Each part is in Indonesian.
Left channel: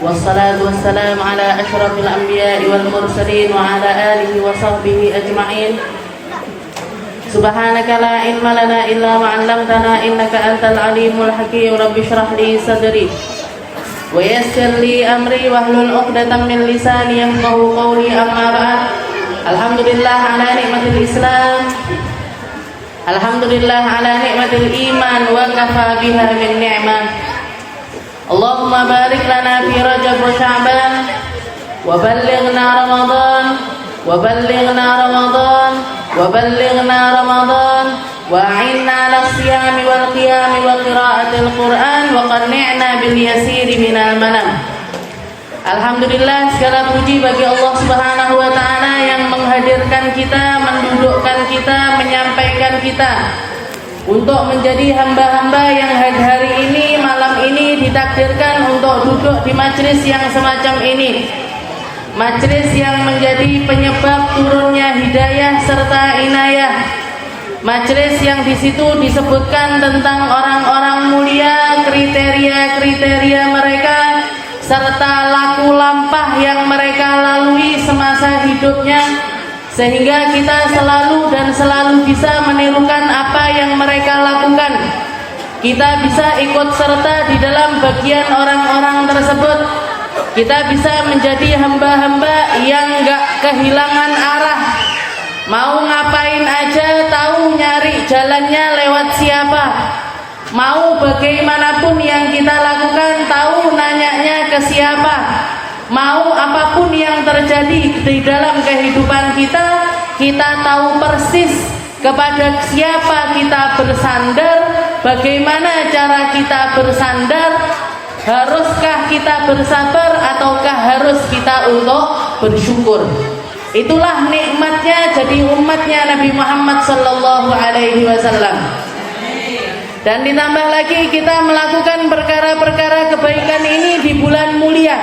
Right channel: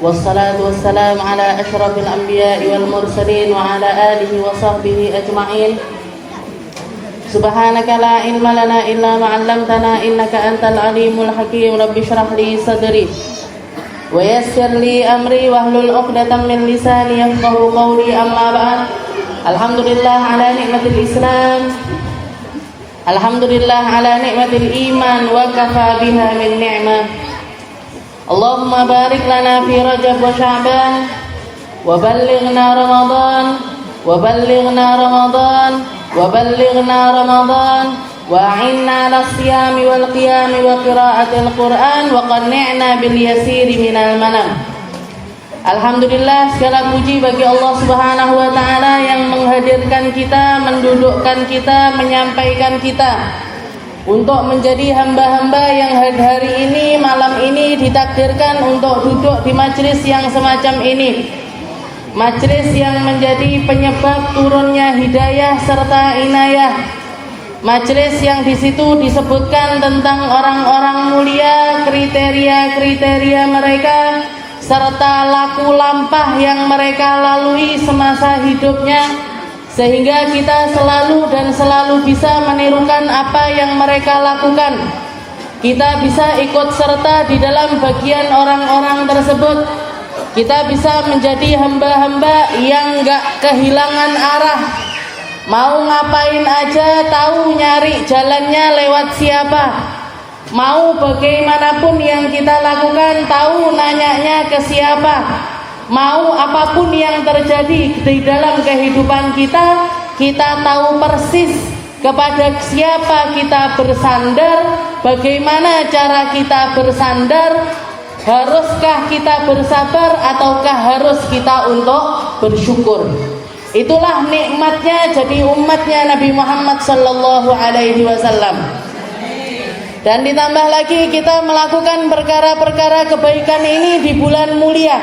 والصلاة والسلام على أشرف الأنبياء والمرسلين وعلى آله وصحبه أجمعين. سبحانك لا علم لنا إلا ما علمتنا إنك أنت العليم الحكيم. رب اشرح لي صدري ويسر لي أمري واحلل عقدة من لساني يفقهوا قولي. أما بعد. Alhamdulillah ala nikmatil Islam, alhamdulillah ala nikmatil iman, wa kafa biha min ni'mah. Allahumma barik lana fi Rajab wa Sya'ban, wa ballighna Ramadan, wa ballighna Ramadan, wa ballighna Ramadan, wa a'inna 'ala siyami wal qiyami wa qira'atil Qur'an, wa qanni'na bil yasiri minal manam. Alhamdulillah, segala puji bagi Allah Subhanahu wa ta'ala yang menghadirkan kita, mendudukkan kita, menyampaikan kita untuk menjadi hamba-hamba yang hari ini, malam ini ditakdirkan untuk duduk di majlis yang semacam ini. Majlis yang menjadi penyebab turunnya hidayah serta inayah. Majlis yang di situ disebutkan tentang orang-orang mulia, kriteria-kriteria mereka serta laku lampah yang mereka lalui semasa hidupnya, sehingga kita selalu bisa menirukan apa yang mereka lakukan. Kita bisa ikut serta di dalam bagian orang-orang tersebut. Kita bisa menjadi hamba-hamba yang gak kehilangan arah. Mau ngapain aja tahu nyari jalannya lewat siapa. Mau bagaimanapun yang kita lakukan tahu nanyanya ke siapa. Mau apapun yang terjadi di dalam kehidupan kita, kita tahu persis kepada siapa kita bersandar, bagaimana cara kita bersandar. Haruskah kita bersabar ataukah harus kita untuk bersyukur. Itulah nikmatnya jadi umatnya Nabi Muhammad sallallahu alaihi wasallam. Dan ditambah lagi kita melakukan perkara-perkara kebaikan ini di bulan mulia.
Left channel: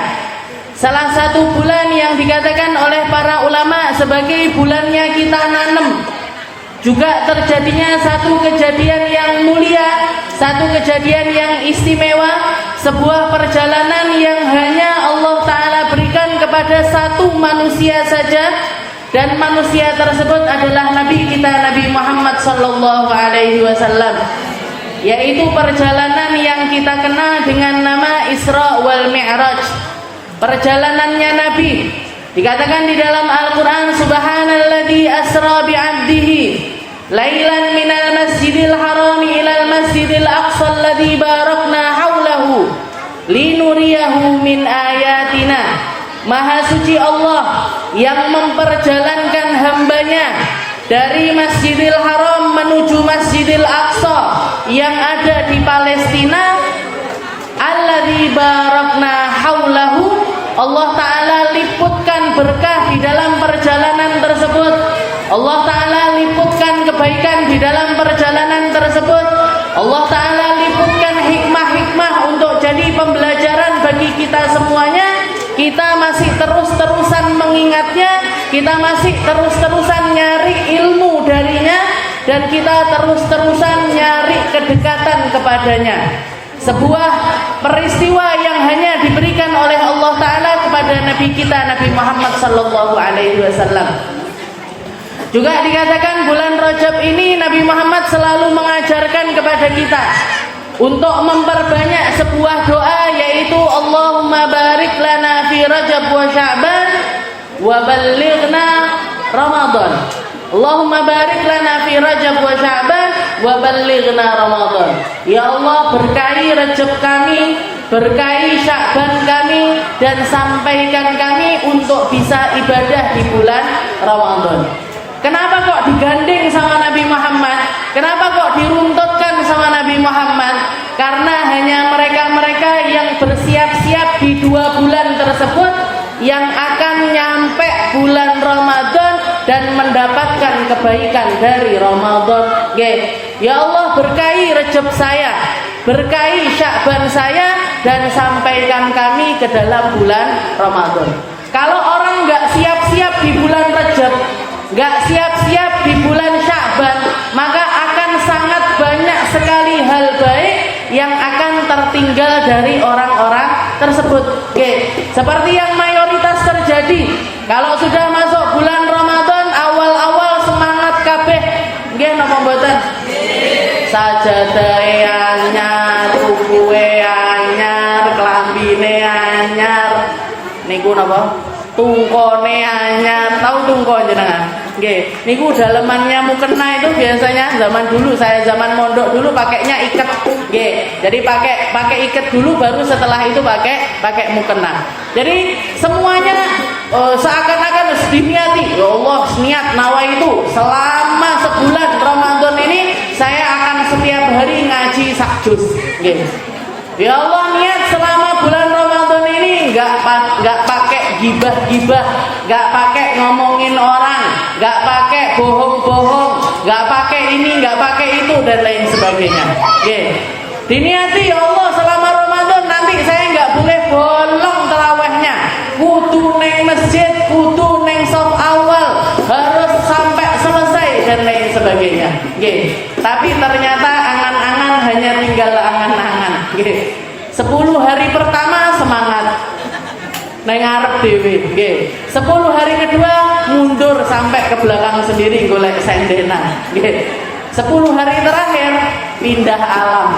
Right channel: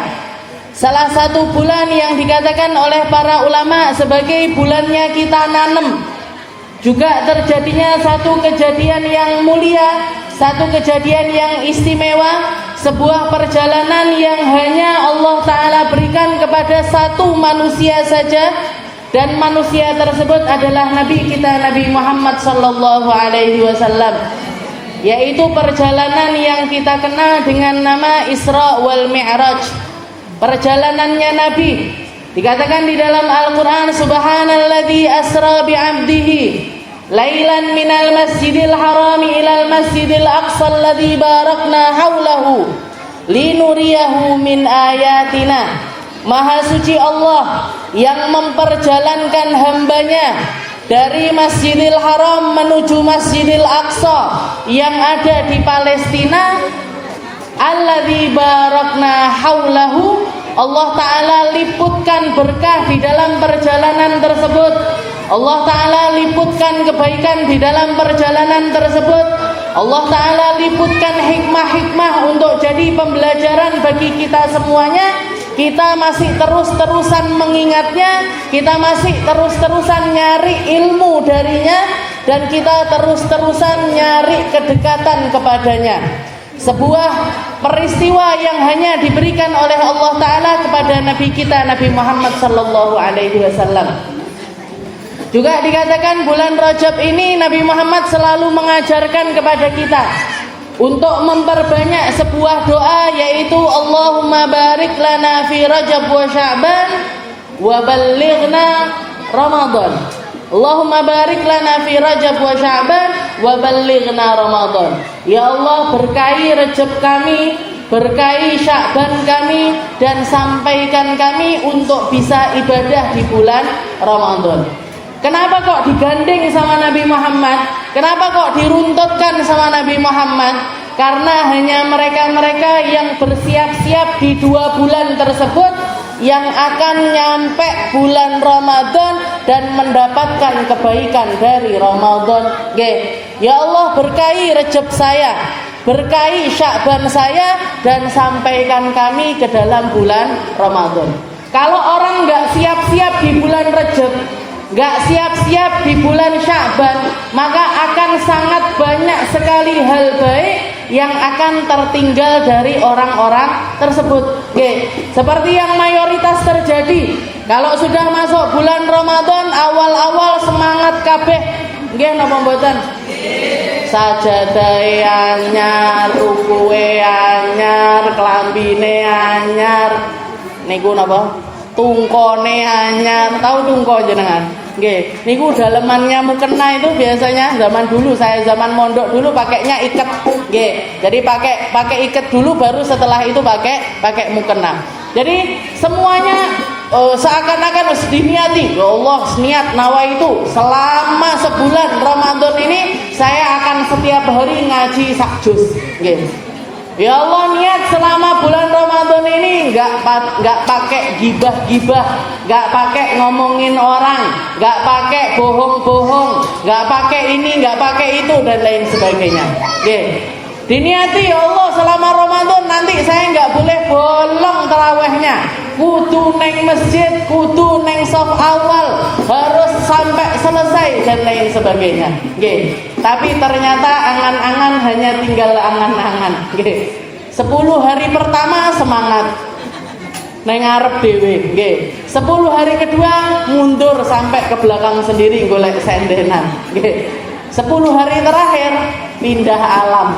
Salah satu bulan yang dikatakan oleh para ulama sebagai bulannya kita nanem. Juga terjadinya satu kejadian yang mulia, satu kejadian yang istimewa, sebuah perjalanan yang hanya Allah Ta'ala berikan kepada satu manusia saja. Dan manusia tersebut adalah Nabi kita Nabi Muhammad sallallahu alaihi wasallam, yaitu perjalanan yang kita kenal dengan nama Isra wal Mi'raj. Perjalanannya Nabi dikatakan di dalam Al-Quran, Subhanalladzi asra bi'abdihi lailan minal masjidil harami ilal masjidil aqsa alladzi barakna haulahu linuriyahu min ayatina. Maha suci Allah yang memperjalankan hambanya dari Masjidil Haram menuju Masjidil Aqsa yang ada di Palestina. Alladzi barakna haulahu, Allah Ta'ala liputkan berkah di dalam perjalanan tersebut. Allah Ta'ala liputkan kebaikan di dalam perjalanan tersebut. Allah Ta'ala liputkan hikmah-hikmah untuk jadi pembelajaran bagi kita semuanya. Kita masih terus-terusan mengingatnya, kita masih terus-terusan nyari ilmu darinya, dan kita terus-terusan nyari kedekatan kepadanya. Sebuah peristiwa yang hanya diberikan oleh Allah Ta'ala kepada Nabi kita Nabi Muhammad sallallahu alaihi wasallam. Juga dikatakan bulan Rajab ini Nabi Muhammad selalu mengajarkan kepada kita untuk memperbanyak sebuah doa, yaitu Allahumma barik lana fi Rajab wa Sya'ban wa ballighna Ramadan. Allahumma barik lana fi Rajab wa Sya'ban wa ballighna Ramadan. Ya Allah, berkahi Rajab kami, berkahi Sya'ban kami, dan sampaikan kami untuk bisa ibadah di bulan Ramadan. Kenapa kok digandeng sama Nabi Muhammad? Kenapa kok diruntutkan sama Nabi Muhammad? Karena hanya mereka-mereka yang bersiap-siap di 2 bulan tersebut yang akan nyampe bulan Ramadan dan mendapatkan kebaikan dari Ramadan. Ya Allah, berkahi Rajab saya, berkahi Sya'ban saya, dan sampaikan kami ke dalam bulan Ramadan. Kalau orang nggak siap-siap di bulan Rajab, nggak siap-siap di bulan Sya'ban, maka akan sangat banyak sekali hal baik yang akan tertinggal dari orang-orang tersebut. Seperti yang mayoritas terjadi kalau sudah masuk bulan Ramadan, awal-awal semangat kabeh nggih napa mboten? Sajadahe anyar, rukuwe anyar, klambine anyar, niku napa? Tungkone anyar. Tahu tungko jenengan? Nggih, niku dalemannya mukena itu biasanya zaman dulu, saya zaman mondok dulu pakainya iket. Nggih. Jadi pakai iket dulu, baru setelah itu pakai mukena. Jadi semuanya seakan-akan harus diniati. Ya Allah, niat nawa itu selama sebulan Ramadan ini saya akan setiap hari ngaji sak juz. Nggih. Ya Allah, niat selama bulan Ramadan ini nggak pakai gibah-gibah, nggak pakai ngomongin orang, nggak pakai bohong-bohong, nggak pakai ini, nggak pakai itu dan lain sebagainya. Diniati, ya Allah, selama Ramadan nanti saya nggak boleh bolong terawihnya, kudu neng masjid, kudu neng saf awal, harus sampai selesai dan lain sebagainya. Tapi ternyata angan-angan hanya tinggal angan-angan. 10 hari pertama semangat neng arep dhewe, 10 hari kedua mundur sampai ke belakang sendiri golek sendenan. 10 hari terakhir pindah alam.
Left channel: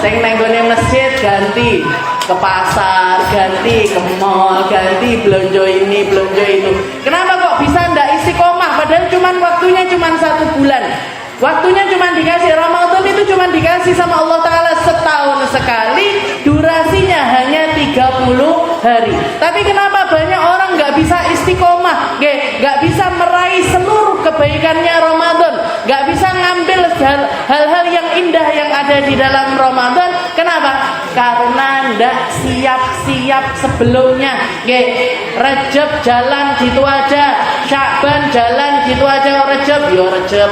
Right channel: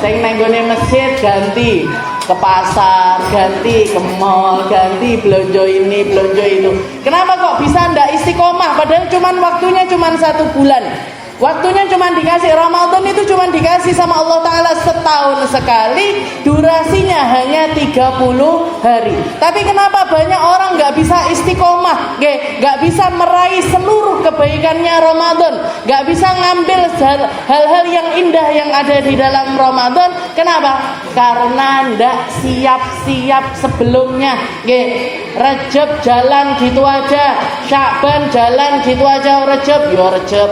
Sing neng gone masjid ganti ke pasar, ganti ke mall, ganti belanja ini, belanja itu. Kenapa kok bisa ndak istiqomah? Padahal waktunya cuma 1 bulan. Waktunya cuma dikasih, Ramadan itu cuma dikasih sama Allah Ta'ala setahun sekali, durasinya hanya 30 hari. Tapi kenapa banyak orang gak bisa istiqomah, gak bisa meraih seluruh kebaikannya Ramadan, gak bisa ngambil hal-hal yang indah yang ada di dalam Ramadan? Kenapa? Karena ndak siap-siap sebelumnya. Rejab jalan gitu aja, Sya'ban jalan gitu aja, Rejab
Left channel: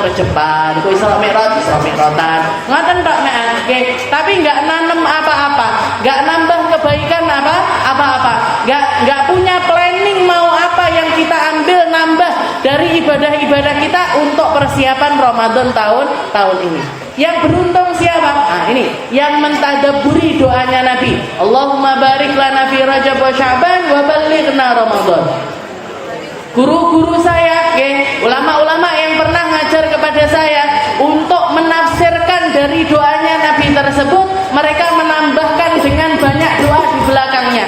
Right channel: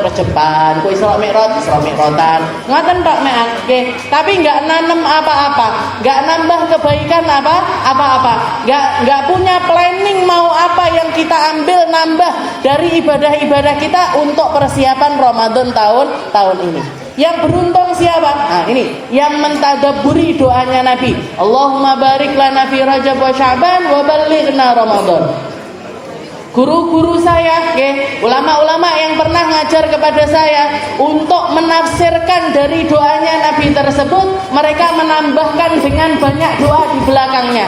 Rejeban, ku Isra Mi'ratan, ngoten tok mek. Tapi nggak nanem apa-apa, nggak nambah kebaikan apa-apa, nggak punya planning mau apa yang kita ambil nambah dari ibadah-ibadah kita untuk persiapan Ramadan tahun ini. Yang beruntung siapa? Nah ini yang mentadabburi doanya Nabi. Allahumma barik lana fi Rajab wa Sya'ban wa ballighna Ramadan. Guru-guru saya, ulama-ulama yang pernah ngajar kepada saya untuk menafsirkan dari doanya Nabi tersebut, mereka menambahkan dengan banyak doa di belakangnya.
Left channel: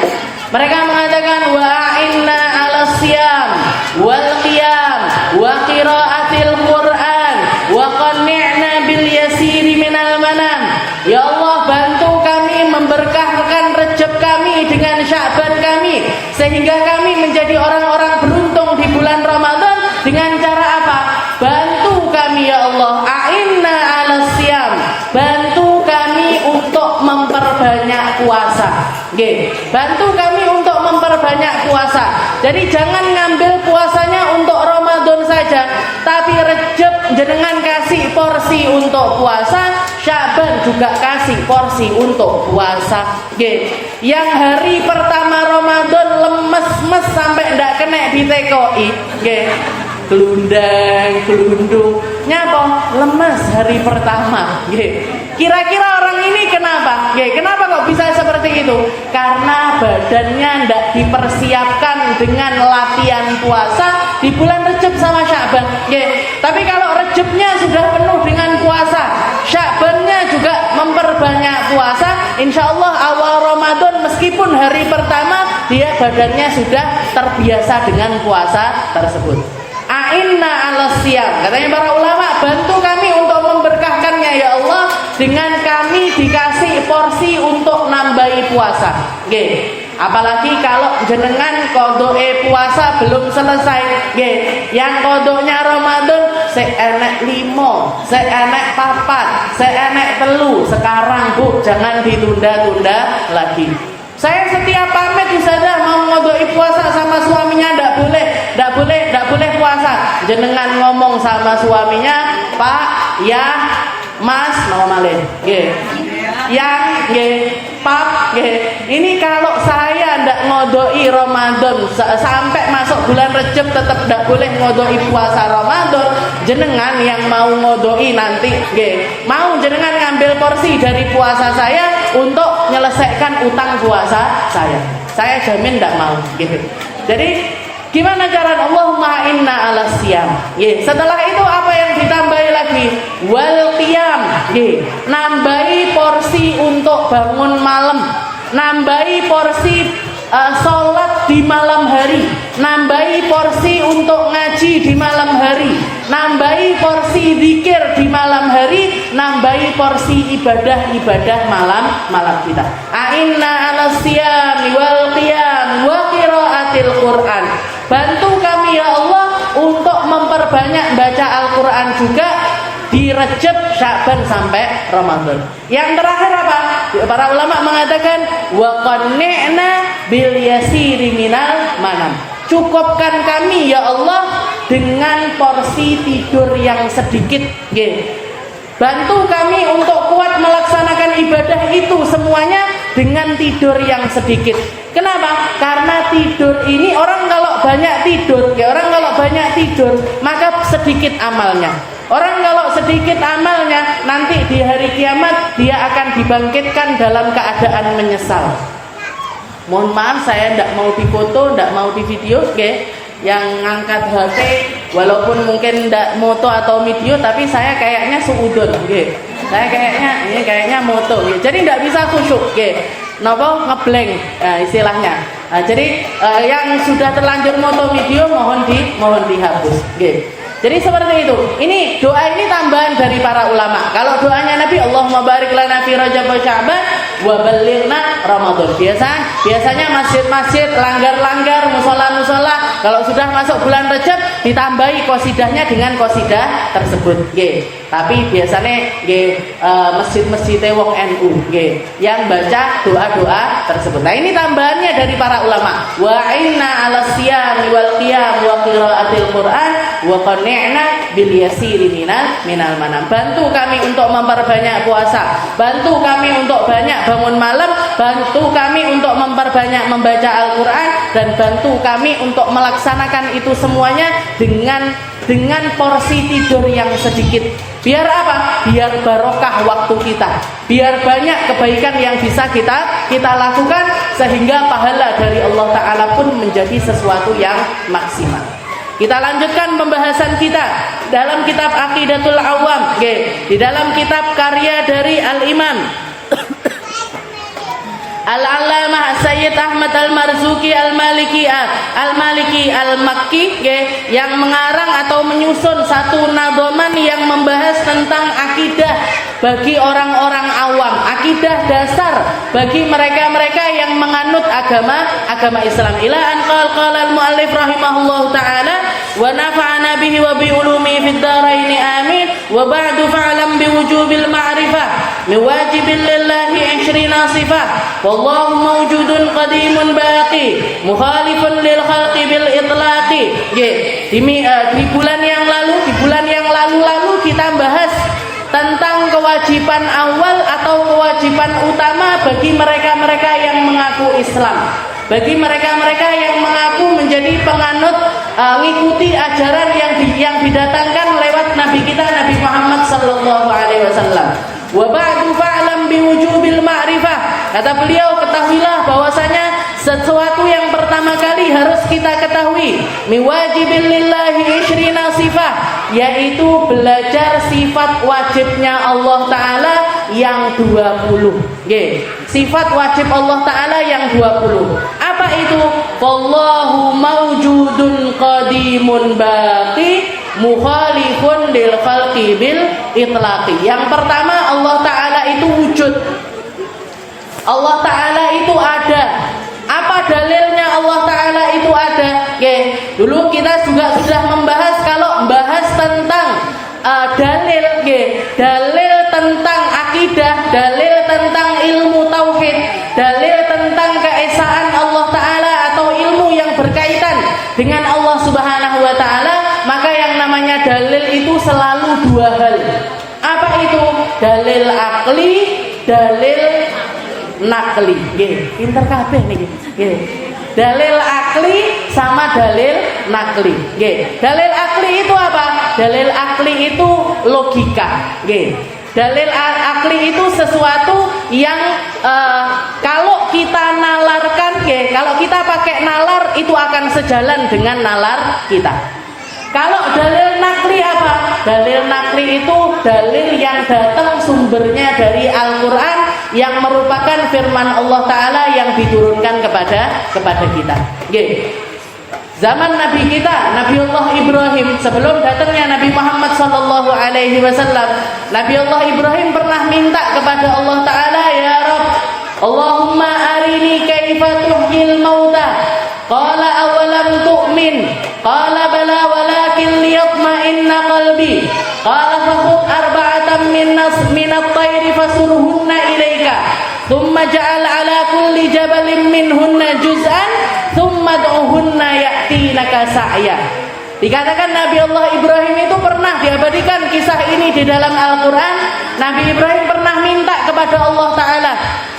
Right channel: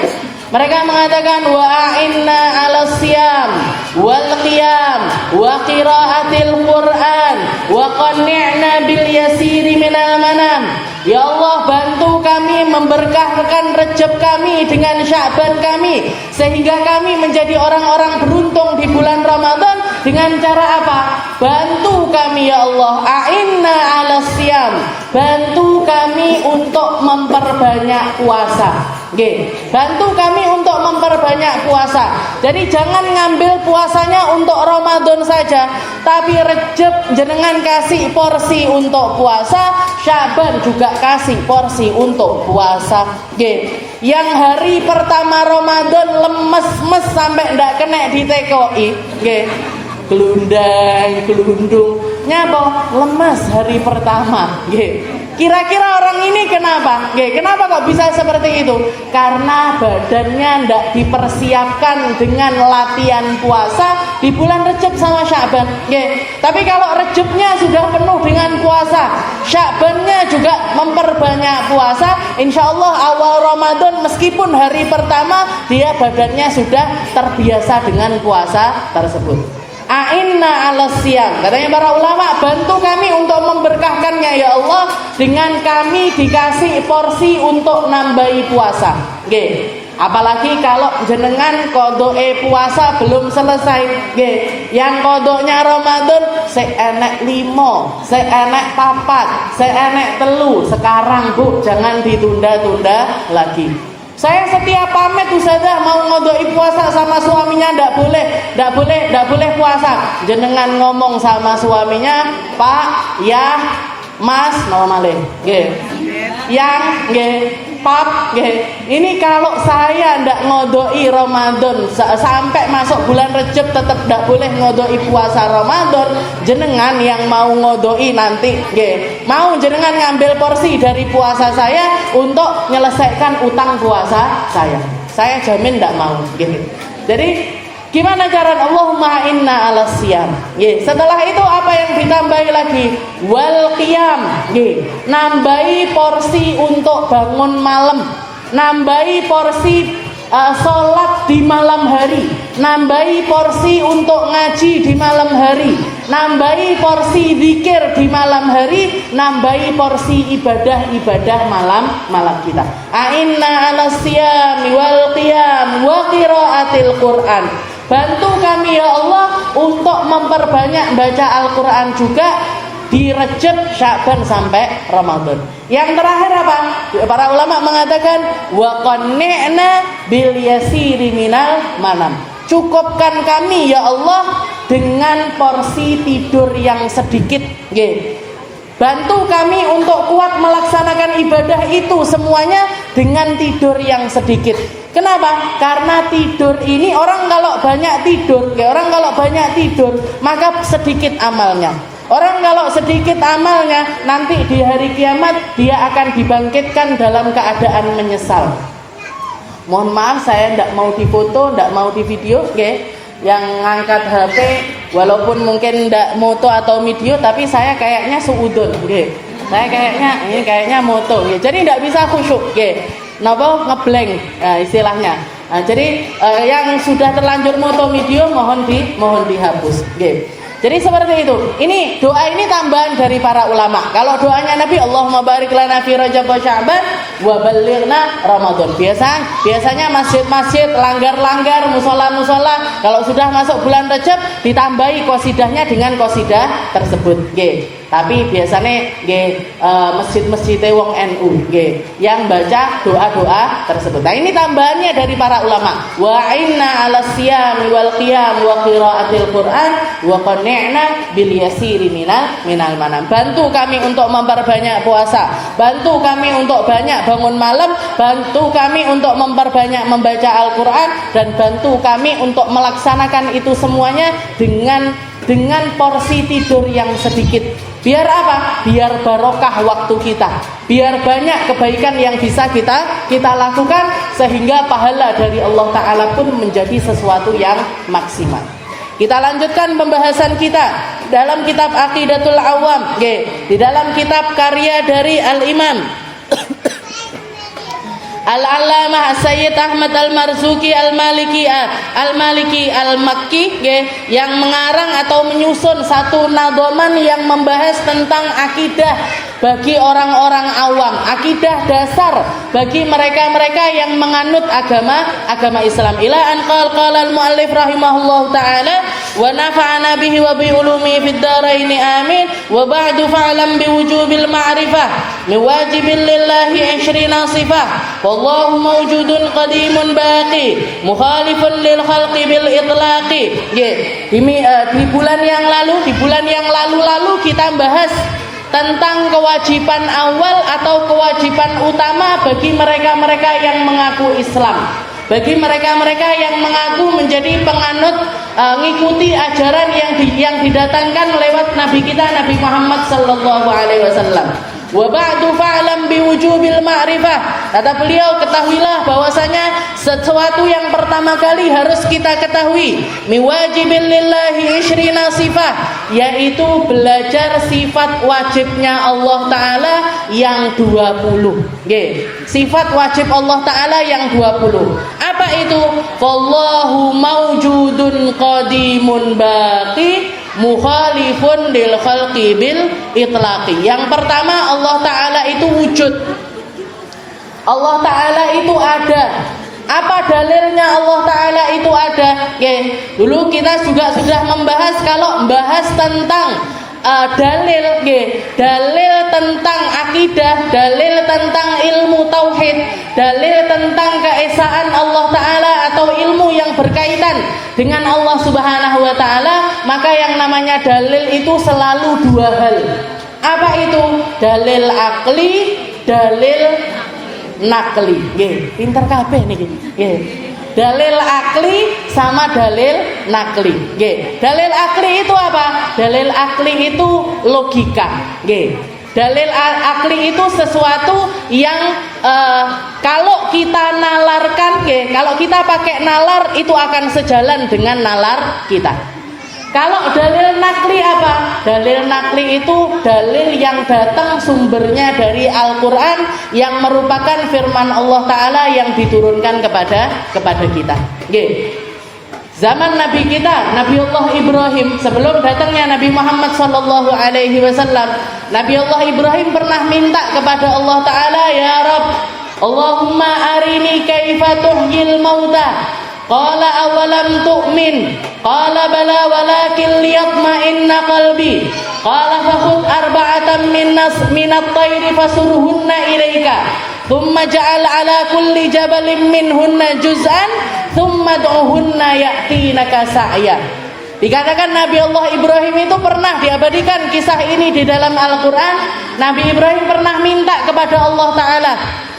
Mereka mengatakan wa'inna 'ala siyam wal qiyam wa qiraatil Qur'an wa qanni'na bil yasiri minal manam. Ya Allah, bantu kami, memberkahkan Rejab kami dengan Sya'ban kami, sehingga kami menjadi orang-orang beruntung di bulan Ramadan. Dengan cara apa? Bantu kami ya Allah, a'inna 'ala siyam, bantu kami untuk memperbanyak puasa. Bantu kami untuk memperbanyak puasa. Jadi jangan ngambil puasanya untuk Ramadan saja, tapi Rejab jenengan kasih porsi untuk puasa, Sya'ban juga kasih porsi untuk puasa. Yang hari pertama Ramadan lemes-mes sampai ndak kena ditekoi, gelundung, nyapa lemes hari pertama. Kira-kira orang ini kenapa? Kenapa kok bisa seperti itu? Karena badannya ndak dipersiapkan dengan latihan puasa di bulan Rejab sama Sya'ban. Tapi kalau Rejabnya sudah penuh dengan puasa, Sya'bannya juga memperbanyak puasa, insya Allah awal Ramadan meskipun hari pertama dia badannya sudah terbiasa dengan puasa tersebut. A'inna 'ala siyam, katanya para ulama, bantu kami untuk memberkahkannya ya Allah dengan kami dikasih porsi untuk nambahi puasa. Apalagi kalau jenengan kodoke puasa belum selesai, yang kodoknya Ramadan seenek 5, seenek 4, seenek 3. Sekarang Bu, jangan ditunda-tunda lagi. Saya setiap pamit Ustazah mau ngodoi puasa sama suaminya ndak boleh puasa. Jenengan ngomong sama suaminya, Pak, ya, Mas, nama malih. Yang pap, ini kalau saya ndak ngodoi Ramadan sampai masuk bulan Rejab tetap ndak boleh ngodoi puasa Ramadan, jenengan yang mau ngodoi nanti, mau jenengan ngambil porsi dari puasa saya untuk menyelesaikan utang puasa saya jamin ndak mau, Jadi gimana cara Allahumma inna ala siyam. Setelah itu apa yang ditambahi lagi? Wal qiyam. Nambahi porsi untuk bangun malam, nambahi porsi sholat di malam hari, nambahi porsi untuk ngaji di malam hari, nambahi porsi zikir di malam hari, nambahi porsi ibadah malam kita. Inna ala siyam wal qiyam wa qiraatil Qur'an. Bantu kami ya Allah untuk memperbanyak baca Al-Quran juga di Rejab, Sya'ban sampai Ramadan. Yang terakhir apa? Para ulama mengatakan wa qanni'na bil yasiri minal manam. Cukupkan kami ya Allah dengan porsi tidur yang sedikit. Bantu kami untuk kuat melaksanakan ibadah itu semuanya dengan tidur yang sedikit. Kenapa? Karena tidur ini orang kalau banyak tidur, maka sedikit amalnya. Orang kalau sedikit amalnya, nanti di hari kiamat dia akan dibangkitkan dalam keadaan menyesal. Mohon maaf saya tidak mau difoto, tidak mau di video, Yang ngangkat HP walaupun mungkin tidak moto atau video, tapi saya kayaknya suudon, Saya kayaknya moto, Jadi tidak bisa khusyuk, Nopo ngeblank istilahnya. Jadi yang sudah terlanjur moto video mohon dihapus. Jadi seperti itu. Ini doa ini tambahan dari para ulama. Kalau doanya Nabi, Allahumma barik lana fi Rajab wa Sya'ban wa ballighna Ramadan. Biasanya masjid-masjid, langgar-langgar, musola-musola kalau sudah masuk bulan Rajab ditambahi qasidahnya dengan qasidah tersebut. Tapi biasanya masjid-masjid wong NU yang baca doa-doa tersebut. Nah, ini tambahannya dari para ulama. Wa inna 'ala siyami wal qiyam wa qiraatil Qur'an wa qanni'na bil yasiri minal manam. Bantu kami untuk memperbanyak puasa, bantu kami untuk banyak bangun malam, bantu kami untuk memperbanyak membaca Al-Qur'an, dan bantu kami untuk melaksanakan itu semuanya dengan porsi tidur yang sedikit. Biar apa? Biar barokah waktu kita, biar banyak kebaikan yang bisa kita lakukan, sehingga pahala dari Allah Ta'ala pun menjadi sesuatu yang maksimal. Kita lanjutkan pembahasan kita dalam kitab Aqidatul Awam, di dalam kitab karya dari Al-Imam Al-Allamah Sayyid Ahmad Al-Marzuki Al-Maliki Al-Makki, yang mengarang atau menyusun satu nadhaman yang membahas tentang akidah bagi orang-orang awam, akidah dasar bagi mereka-mereka yang menganut agama Islam. Ila an qala al-muallif rahimahullahu taala wa nafa'ana bihi wa bi ulumi fid dharain amin. Wa ba'du fa'lam bi wujubil ma'rifah min wajibil lillahi 20 sifah. Wallahu mawjudun qadimun baqi mukhalifun lil khalqi bil itlaqi. Di bulan yang lalu kita bahas tentang kewajiban awal atau kewajiban utama bagi mereka-mereka yang mengaku Islam, bagi mereka-mereka yang mengaku menjadi penganut ngikuti ajaran yang didatangkan lewat Nabi kita Nabi Muhammad sallallahu alaihi wasallam. Wa ba'du fa'lam biwujubil ma'rifah. Kata beliau, ketahuilah bahwasanya sesuatu yang pertama kali harus kita ketahui, miwajibil lillahi 20 sifat, yaitu belajar sifat wajibnya Allah Ta'ala yang 20. Sifat wajib Allah Ta'ala yang 20. Apa itu? Wallahu mawjudun qadimun baqi mukhalifun lil khalqi bil itlaqi. Yang pertama, Allah Ta'ala itu wujud, Allah Ta'ala itu ada. Apa dalilnya Allah Ta'ala itu ada? Dulu kita juga sudah membahas, kalau membahas tentang dalil, dalil tentang akidah, dalil tentang ilmu tauhid, dalil tentang keesaan Allah Ta'ala atau ilmu yang berkaitan dengan Allah Subhanahu wa Ta'ala, maka yang namanya dalil itu selalu dua hal. Apa itu? Dalil akli, dalil nakli. Nggih, pinter kabeh niki. Nggih. Dalil akli sama dalil nakli. Nggih. Dalil akli itu apa? Dalil akli itu logika. Nggih. Dalil akli itu sesuatu yang kalau kita nalarkan, kalau kita pakai nalar itu akan sejalan dengan nalar kita. Kalau dalil nakli apa? Dalil nakli itu dalil yang datang sumbernya dari Al-Quran yang merupakan firman Allah Ta'ala yang diturunkan kepada kita. Oke. Zaman Nabi kita, Nabi Allah Ibrahim, sebelum datangnya Nabi Muhammad SAW, Nabi Allah Ibrahim pernah minta kepada Allah Ta'ala, ya Rabb, Allahumma arini kaifa tuhyil mauta. Qala awalam tu'min. Qala bala walakin liyatma'inna qalbi. Qala fakhudh arba'atan minat tayri fasurhunna ilaika. Thumma ja'al ala kulli jabalin minhunna juz'an. Thumma du'uhunna ya'tinaka sa'ya. Dikatakan Nabi Allah Ibrahim itu pernah diabadikan kisah ini di dalam Al-Quran. Nabi Ibrahim pernah minta kepada Allah Ta'ala,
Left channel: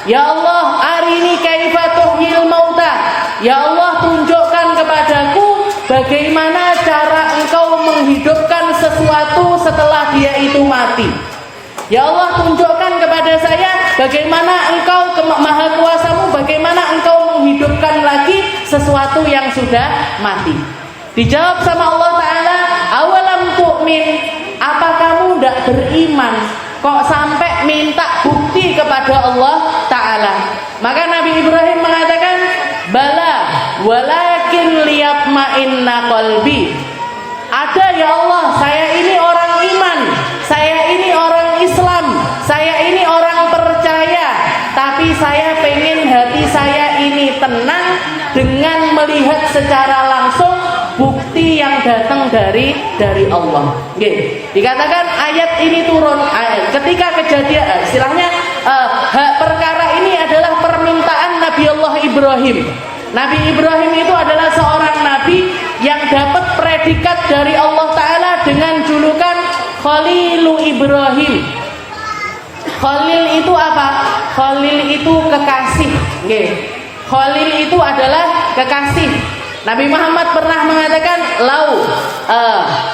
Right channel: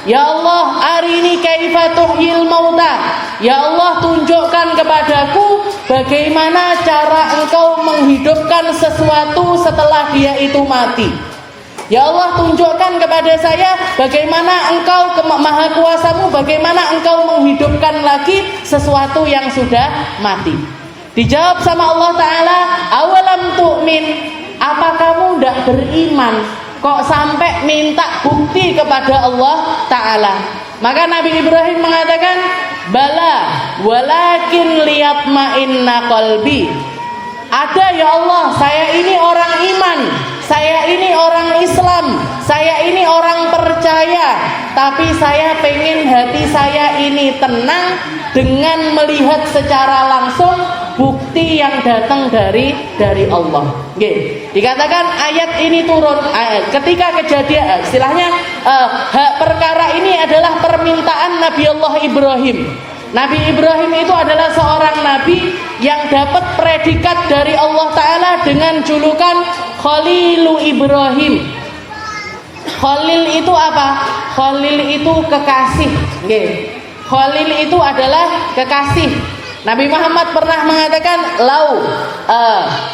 ya Allah, arini kaifa tuhyil mauta. Ya Allah, tunjukkan kepadaku bagaimana cara engkau menghidupkan sesuatu setelah dia itu mati. Ya Allah, tunjukkan kepada saya bagaimana engkau maha kuasamu, bagaimana engkau menghidupkan lagi sesuatu yang sudah mati. Dijawab sama Allah Ta'ala, awalam tu'min, apa kamu tidak beriman? Kok sampai minta bukti kepada Allah Ta'ala? Maka Nabi Ibrahim mengatakan, bala walakin liyatma'inna qalbi. Ada ya Allah, saya ini orang iman, saya ini orang Islam, saya ini orang percaya, tapi saya pengen hati saya ini tenang dengan melihat secara langsung bukti yang datang dari Allah. Nggih. Dikatakan ayat ini turun ketika kejadian istilahnya perkara ini adalah permintaan Nabi Allah Ibrahim. Nabi Ibrahim itu adalah seorang nabi yang dapat predikat dari Allah Ta'ala dengan julukan Khalilu Ibrahim. Khalil itu apa? Khalil itu kekasih. Nggih. Khalil itu adalah kekasih. Nabi Muhammad pernah mengatakan,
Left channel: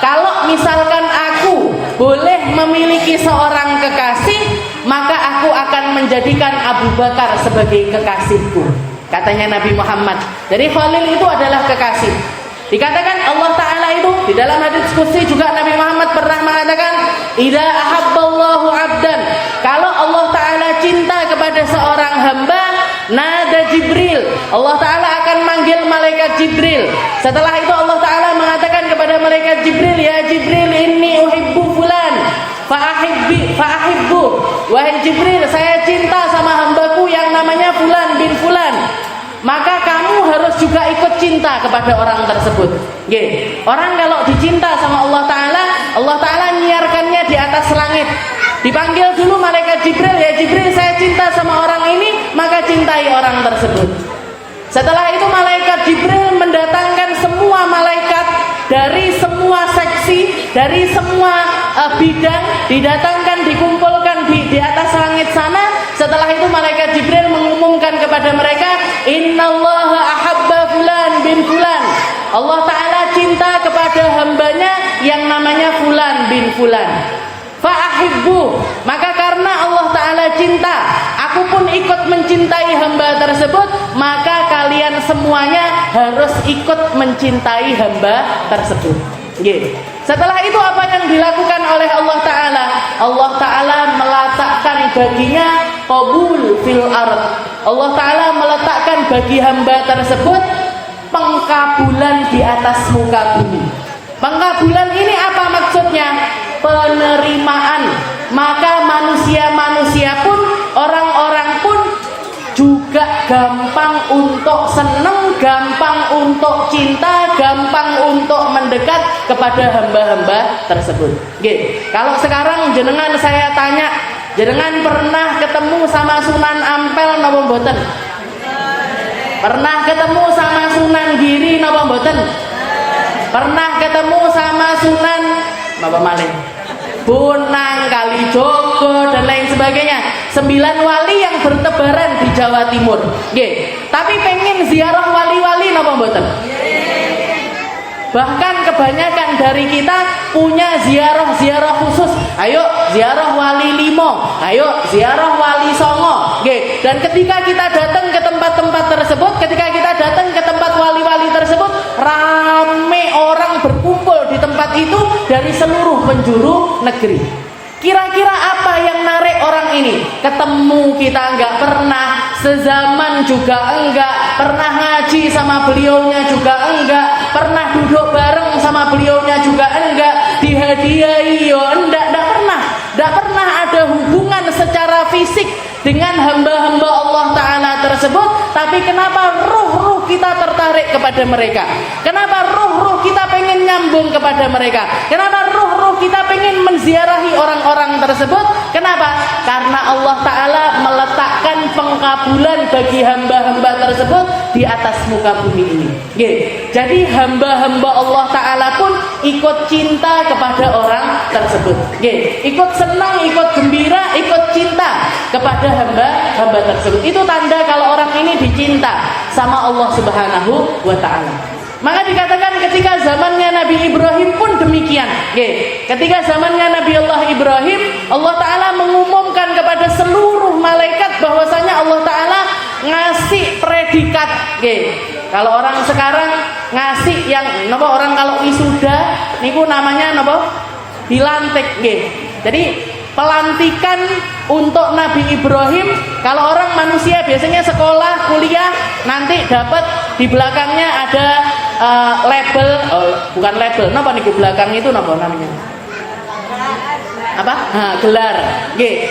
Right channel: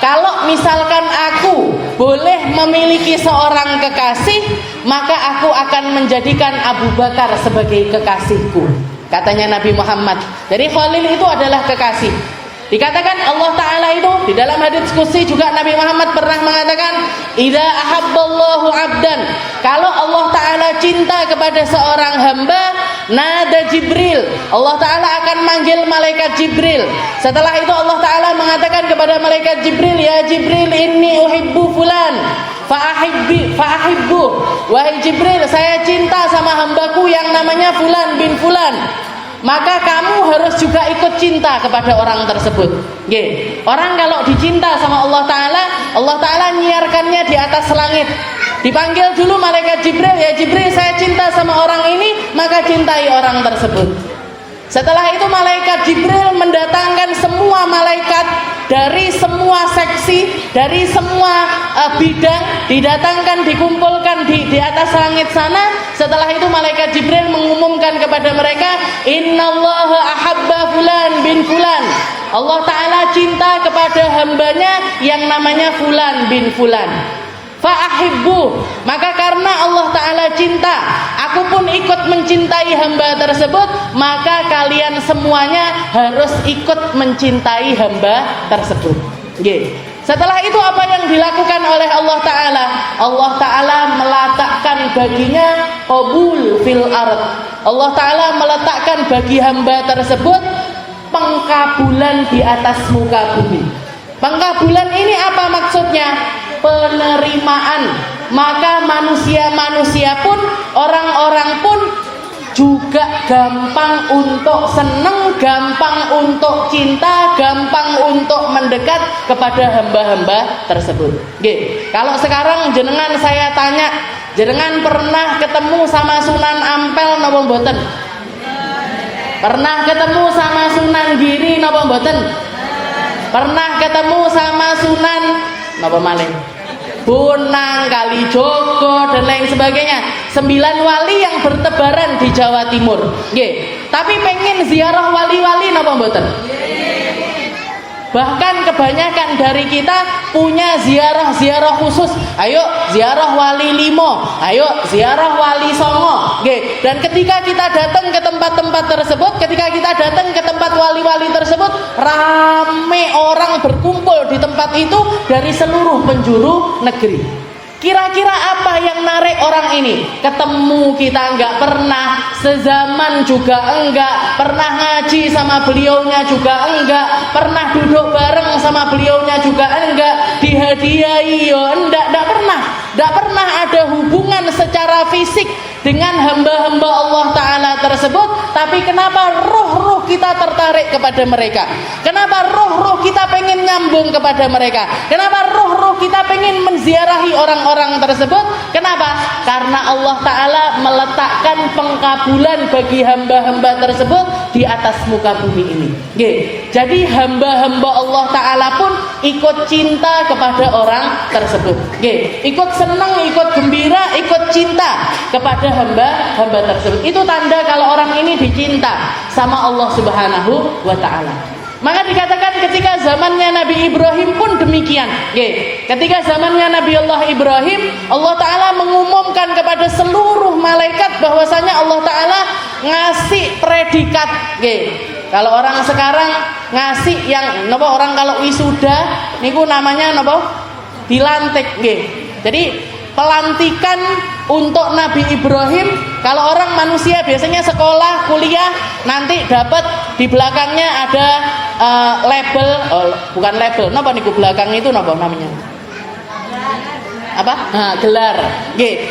kalau misalkan aku boleh memiliki seorang kekasih, maka aku akan menjadikan Abu Bakar sebagai kekasihku, katanya Nabi Muhammad. Jadi Khalil itu adalah kekasih. Dikatakan Allah Ta'ala itu di dalam hadits qudsi juga Nabi Muhammad pernah mengatakan, idza ahabballahu 'abdan, kalau Allah Ta'ala cinta kepada seorang hamba, nada Jibril, Allah Ta'ala akan manggil malaikat Jibril. Setelah itu Allah Ta'ala mengatakan kepada malaikat Jibril, ya Jibril, inni uhibbu fulan fa'ahibbu. Wahai Jibril, saya cinta sama hambaku yang namanya Fulan bin Fulan, maka kamu harus juga ikut cinta kepada orang tersebut. Nggih. Orang kalau dicinta sama Allah Ta'ala nyiarkannya di atas langit. Dipanggil dulu malaikat Jibril, ya Jibril, saya cinta sama orang ini, maka cintai orang tersebut. Setelah itu malaikat Jibril mendatangkan semua malaikat dari semua seksi, dari semua bidang, didatangkan, dikumpulkan di atas langit sana. Setelah itu malaikat Jibril mengumumkan kepada mereka, innallaha ahabba fulan bin fulan. Allah Ta'ala cinta kepada hambanya yang namanya Fulan bin Fulan. Fa'ahibbu, maka karena Allah Ta'ala cinta, aku pun ikut mencintai hamba tersebut, maka kalian semuanya harus ikut mencintai hamba tersebut. Nggih. Setelah itu apa yang dilakukan oleh Allah Ta'ala? Allah Ta'ala meletakkan baginya qabul fil ard. Allah Ta'ala meletakkan bagi hamba tersebut pengkabulan di atas muka bumi. Pengkabulan ini apa maksudnya? Penerimaan. Maka manusia-manusia pun, orang-orang pun juga gampang untuk senang, gampang untuk cinta, gampang untuk mendekat kepada hamba-hamba tersebut. Nggih. Kalau sekarang jenengan saya tanya, jenengan pernah ketemu sama Sunan Ampel napa mboten? Pernah ketemu sama Sunan Giri napa mboten? Pernah ketemu sama Sunan napa malih? Bonang, Kalijogo dan lain sebagainya. 9 wali yang bertebaran di Jawa Timur. Nggih. Tapi pengen ziarah wali-wali napa mboten? Bahkan kebanyakan dari kita punya ziarah-ziarah khusus. Ayo ziarah wali limo, ayo ziarah wali songo. Oke. Dan ketika kita datang ke tempat-tempat tersebut, ketika kita datang ke tempat wali-wali tersebut, rame orang berkumpul di tempat itu dari seluruh penjuru negeri. Kira-kira apa yang narik orang ini? Ketemu kita enggak pernah, sezaman juga enggak, pernah ngaji sama beliaunya juga enggak, pernah duduk bareng sama beliaunya juga enggak, dihadiahi yo enggak pernah ada hubungan secara fisik dengan hamba-hamba Allah Ta'ala tersebut. Tapi kenapa ruh-ruh kita tertarik kepada mereka? Kenapa ruh-ruh kita pengen nyambung kepada mereka? Kenapa ruh-ruh kita pengen menziarahi orang-orang tersebut? Kenapa? Karena Allah Ta'ala meletakkan pengkabulan bagi hamba-hamba tersebut di atas muka bumi ini. Jadi hamba-hamba Allah Ta'ala pun ikut cinta kepada orang tersebut. Ikut senang, ikut gembira, ikut cinta kepada hamba tersebut. Itu tanda kalau orang ini dicinta sama Allah Subhanahu wa Ta'ala. Maka dikatakan ketika zamannya Nabi Ibrahim pun demikian. Ketika zamannya Nabi Allah Ibrahim, Allah Ta'ala mengumumkan kepada seluruh malaikat bahwasanya Allah Ta'ala ngasih predikat. Kalau orang sekarang ngasih yang napa, orang kalau wisuda niku namanya napa? Dilantik. Jadi pelantikan untuk Nabi Ibrahim. Kalau orang manusia biasanya sekolah, kuliah, nanti dapat di belakangnya ada label, bukan label, napa niku belakang itu napa namanya? Apa? Nah, gelar.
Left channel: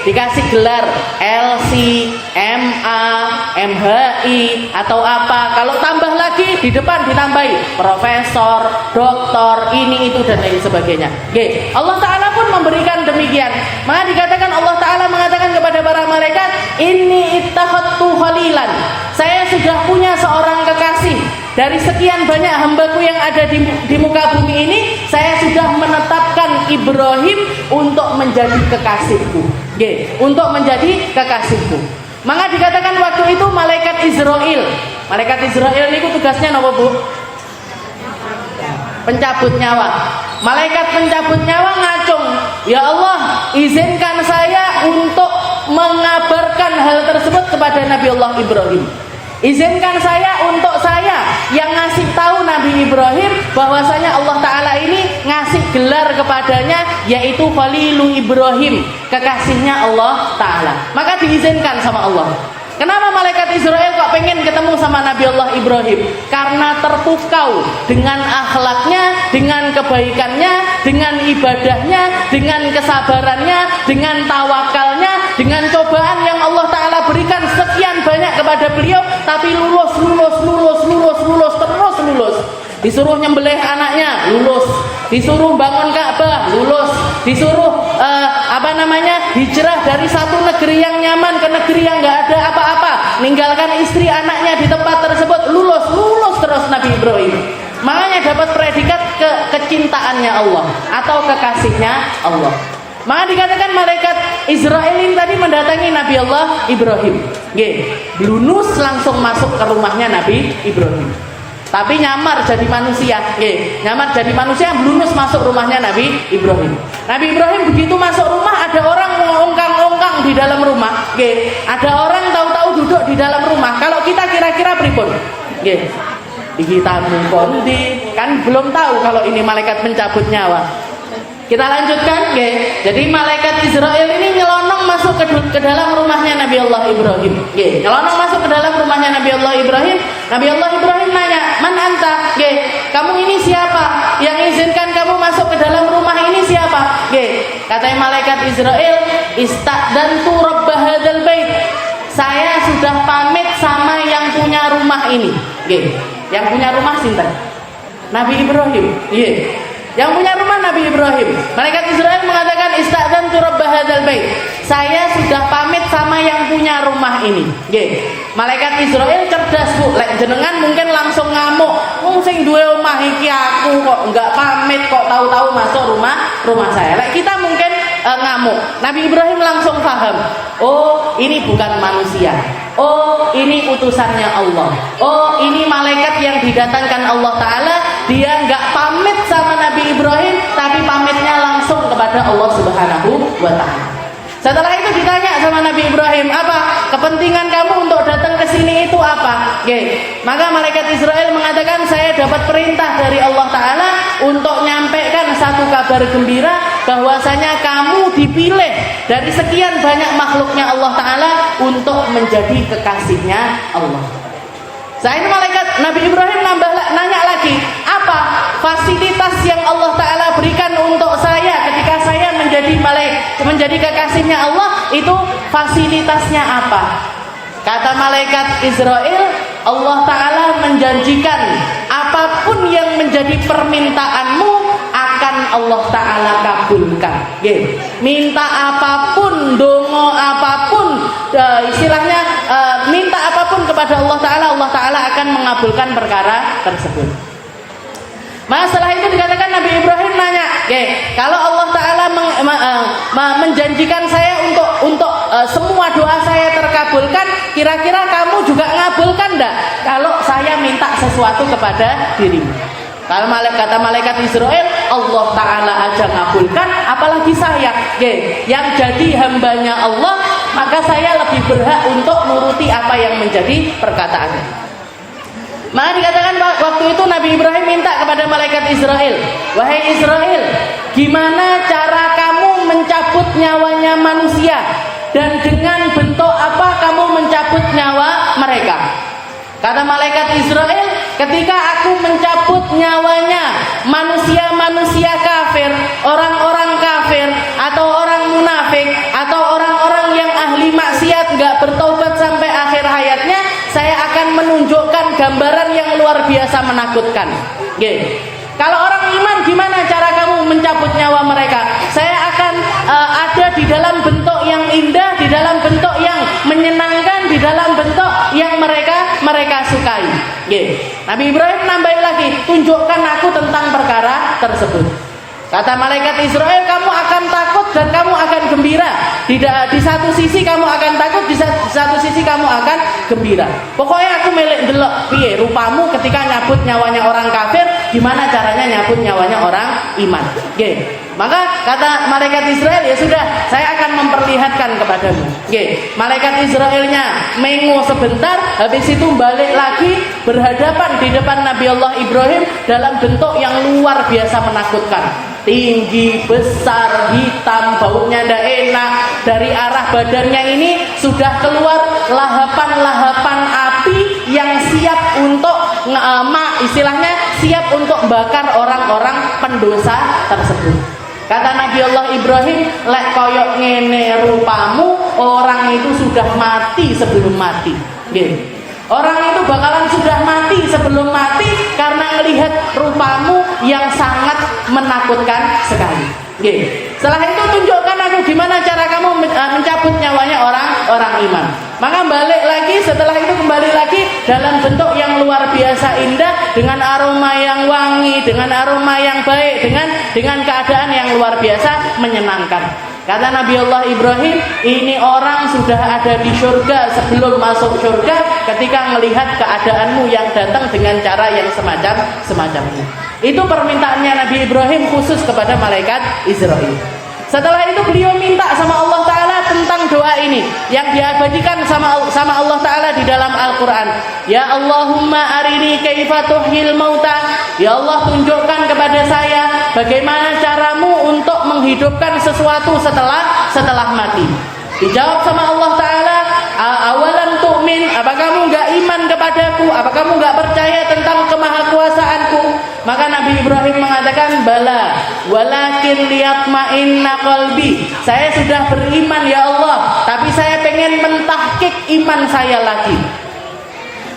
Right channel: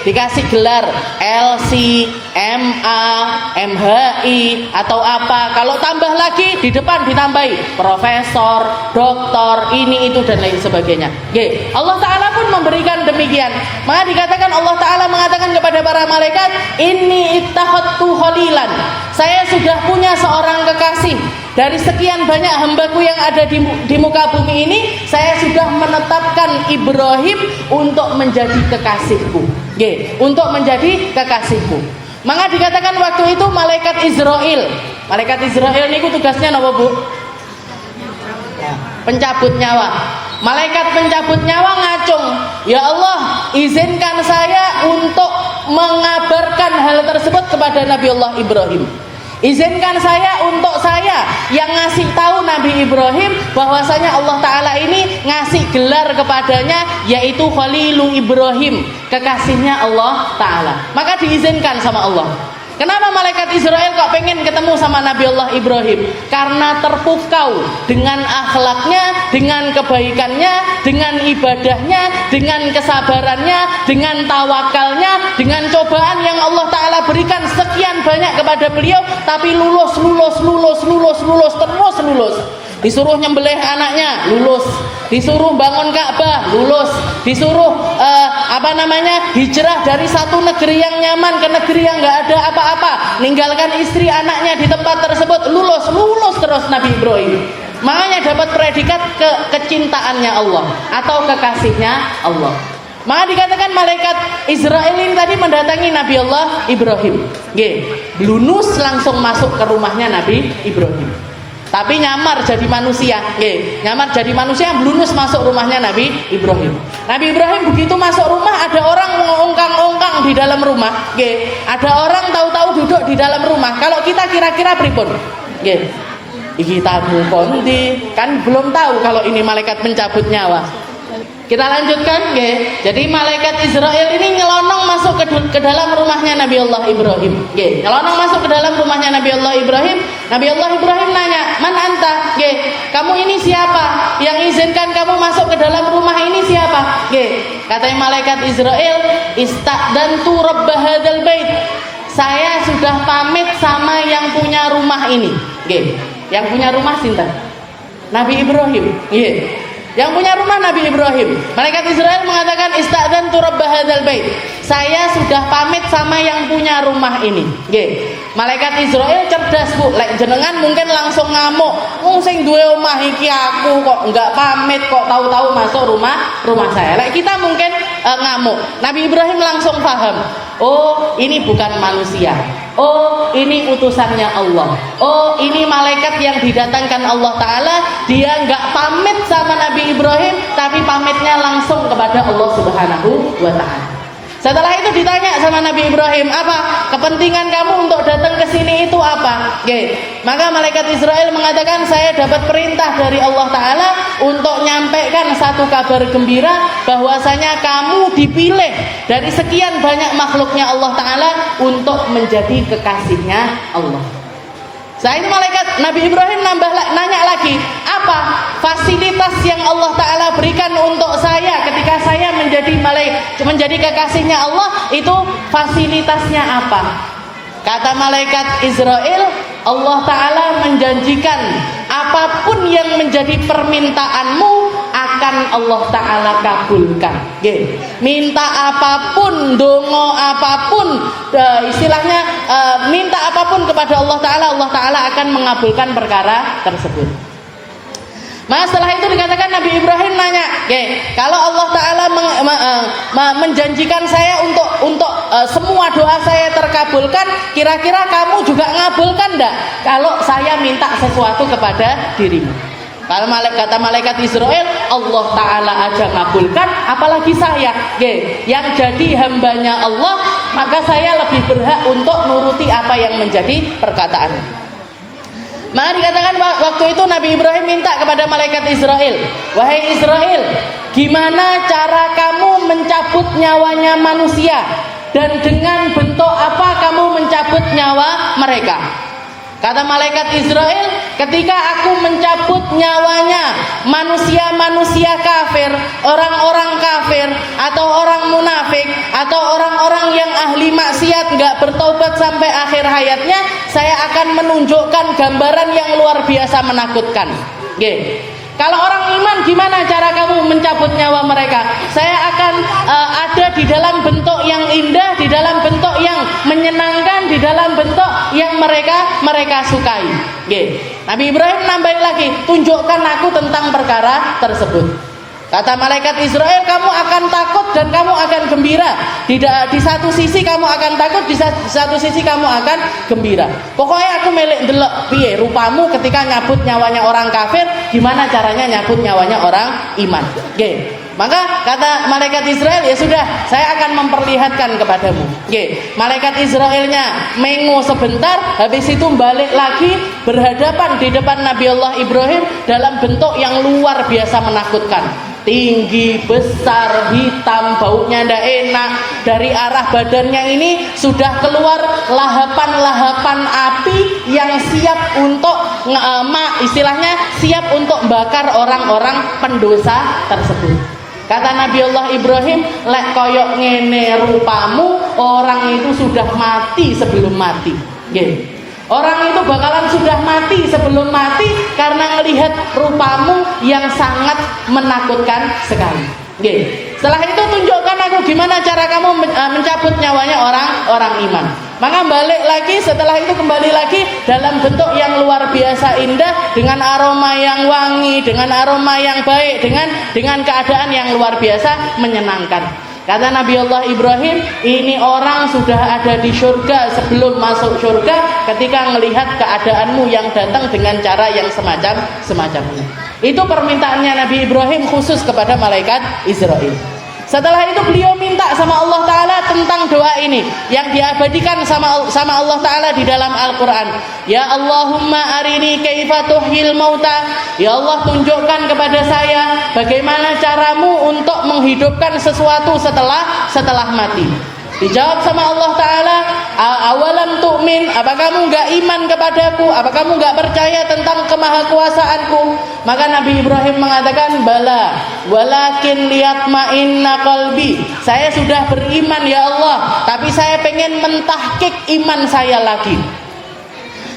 Dikasih gelar LC, MA, MHI atau apa. Kalau tambah lagi di depan ditambahi profesor, doktor, ini itu dan lain sebagainya. Allah Ta'ala pun memberikan demikian. Maka dikatakan Allah Ta'ala mengatakan kepada para malaikat, "Inni ittakhadtu khalilan." Saya sudah punya seorang kekasih. Dari sekian banyak hambaku yang ada di muka bumi ini, saya sudah menetapkan Ibrahim untuk menjadi kekasihku. Untuk menjadi kekasihku. Maka dikatakan waktu itu malaikat Israel niku tugasnya napa, Bu? Pencabut nyawa. Malaikat pencabut nyawa ngacung, "Ya Allah, izinkan saya untuk mengabarkan hal tersebut kepada Nabi Allah Ibrahim. Izinkan saya untuk saya yang ngasih tahu Nabi Ibrahim bahwasanya Allah Ta'ala ini ngasih gelar kepadanya, yaitu Khalilu Ibrahim, kekasihnya Allah Ta'ala." Maka diizinkan sama Allah. Kenapa malaikat Israel kok pengen ketemu sama Nabi Allah Ibrahim? Karena terpukau dengan akhlaknya, dengan kebaikannya, dengan ibadahnya, dengan kesabarannya, dengan tawakalnya, dengan cobaan yang Allah Ta'ala berikan sekian banyak kepada beliau, tapi lulus. Disuruh nyembelih anaknya, lulus. Disuruh bangun Ka'bah, lulus. Disuruh hijrah dari satu negeri yang nyaman ke negeri yang nggak ada apa-apa, ninggalkan istri anaknya di tempat tersebut, lulus terus Nabi Ibrahim. Makanya dapat predikat kecintaannya Allah atau kekasihnya Allah. Maka dikatakan malaikat Israel ini tadi mendatangi Nabi Allah Ibrahim. Blunus langsung masuk ke rumahnya Nabi Ibrahim. Tapi nyamar jadi manusia, nyamar jadi manusia, blunus masuk rumahnya Nabi Ibrahim. Nabi Ibrahim begitu masuk rumah, ada orang ngongkang-ngongkang di dalam rumah, ada orang tahu-tahu duduk di dalam rumah. Kalau kita kira-kira pripun? Iki tamu kondi, kan belum tahu kalau ini malaikat pencabut nyawa. Kita lanjutkan, jadi malaikat Israel ini nyelonong masuk ke dalam rumahnya Nabi Allah Ibrahim. Nyelonong masuk ke dalam rumahnya Nabi Allah Ibrahim. Nabi Allah Ibrahim nanya, "Man anta?" Kamu ini siapa? Yang izinkan kamu masuk ke dalam rumah ini siapa? Kata malaikat Israel, "Ista'dantu rabb hadzal bait." Saya sudah pamit sama yang punya rumah ini. Yang punya rumah sinten? Nabi Ibrahim. Yang punya rumah Nabi Ibrahim. Malaikat Israel mengatakan, "Ista'dzantu rabb hadzal bait." Saya sudah pamit sama yang punya rumah ini. Malaikat Israel cerdas, Bu. Lek jenengan mungkin langsung ngamuk. Sing duwe omah iki aku kok enggak pamit, kok tahu-tahu masuk rumah saya. Lek kita mungkin ngamuk. Nabi Ibrahim langsung paham. Oh, ini bukan manusia. Oh, ini utusannya Allah. Oh, ini malaikat yang didatangkan Allah Ta'ala. Dia nggak pamit sama Nabi Ibrahim, tapi pamitnya langsung kepada Allah Subhanahu wa Ta'ala. Setelah itu ditanya sama Nabi Ibrahim, apa kepentingan kamu untuk datang ke sini itu apa? Oke. Maka malaikat Israel mengatakan, saya dapat perintah dari Allah Ta'ala untuk nyampaikan satu kabar gembira bahwasanya kamu dipilih dari sekian banyak makhluknya Allah Ta'ala untuk menjadi kekasihnya Allah. Saat ini malaikat Nabi Ibrahim nanya lagi, apa fasilitas yang Allah Ta'ala berikan untuk saya ketika saya menjadi kekasihnya Allah, itu fasilitasnya apa? Kata malaikat Israel, Allah Ta'ala menjanjikan apapun yang menjadi permintaanmu akan Allah Ta'ala kabulkan. Minta apapun, dongo apapun, istilahnya minta apapun kepada Allah Ta'ala akan mengabulkan perkara tersebut. Maka setelah itu dikatakan Nabi Ibrahim nanya, kalau Allah Ta'ala menjanjikan saya untuk semua doa saya terkabulkan, kira-kira kamu juga ngabulkan enggak kalau saya minta sesuatu kepada dirimu? Kalau kata malaikat Israel, Allah Ta'ala aja ngabulkan, apalagi saya. Yang jadi hambanya Allah, maka saya lebih berhak untuk nuruti apa yang menjadi perkataannya. Maka dikatakan waktu itu Nabi Ibrahim minta kepada malaikat Israel, wahai Israel, gimana cara kamu mencabut nyawanya manusia, dan dengan bentuk apa kamu mencabut nyawa mereka? Kata malaikat Israel, ketika aku mencabut nyawanya manusia-manusia kafir, orang-orang kafir, atau orang munafik, atau orang-orang yang ahli maksiat gak bertaubat sampai akhir hayatnya, saya akan menunjukkan gambaran yang luar biasa menakutkan. Kalau orang iman, gimana cara kamu mencabut nyawa mereka? Saya akan ada di dalam bentuk yang indah, di dalam bentuk yang menyenangkan, di dalam bentuk yang mereka sukai. Nabi Ibrahim nambahin lagi, tunjukkan aku tentang perkara tersebut. Kata malaikat Israel, kamu akan takut dan kamu akan gembira. Di satu sisi kamu akan takut, di satu sisi kamu akan gembira. Pokoknya aku melek delok piye rupamu ketika nyabut nyawanya orang kafir, gimana caranya nyabut nyawanya orang iman. Maka kata malaikat Israel, ya sudah, saya akan memperlihatkan kepadamu. Malaikat Israelnya mengu sebentar, habis itu balik lagi berhadapan di depan Nabi Allah Ibrahim dalam bentuk yang luar biasa menakutkan. Tinggi, besar, hitam, baunya ndak enak. Dari arah badannya ini sudah keluar lahapan-lahapan api yang siap untuk istilahnya siap untuk bakar orang-orang pendosa tersebut. Kata Nabi Allah Ibrahim, lek koyok ngene rupamu, orang itu sudah mati sebelum mati. Orang itu bakalan sudah mati sebelum mati karena melihat rupamu yang sangat menakutkan sekali. Setelah itu tunjukkan aku gimana cara kamu mencabut nyawanya orang iman. Maka balik lagi, setelah itu kembali lagi dalam bentuk yang luar biasa indah, dengan aroma yang wangi, dengan aroma yang baik, dengan keadaan yang luar biasa menyenangkan. Kata Nabi Allah Ibrahim, ini orang sudah ada di surga sebelum masuk surga ketika melihat keadaanmu yang datang dengan cara yang semacam ini. Itu permintaannya Nabi Ibrahim khusus kepada malaikat Israel. Setelah itu beliau minta sama Allah Ta'ala tentang doa ini yang diabadikan sama Allah Ta'ala di dalam Al-Quran. Ya Allahumma arini kaifa tuhyil mauta. Ya Allah, tunjukkan kepada saya bagaimana caramu untuk menghidupkan sesuatu setelah mati. Dijawab sama Allah Ta'ala, awalan tu'min, apa kamu gak iman kepadaku? Apa kamu gak percaya tentang kemahakuasaanku? Maka Nabi Ibrahim mengatakan, bala, walakin liyatma'inna qalbi. Saya sudah beriman ya Allah, tapi saya pengen mentahkik iman saya lagi.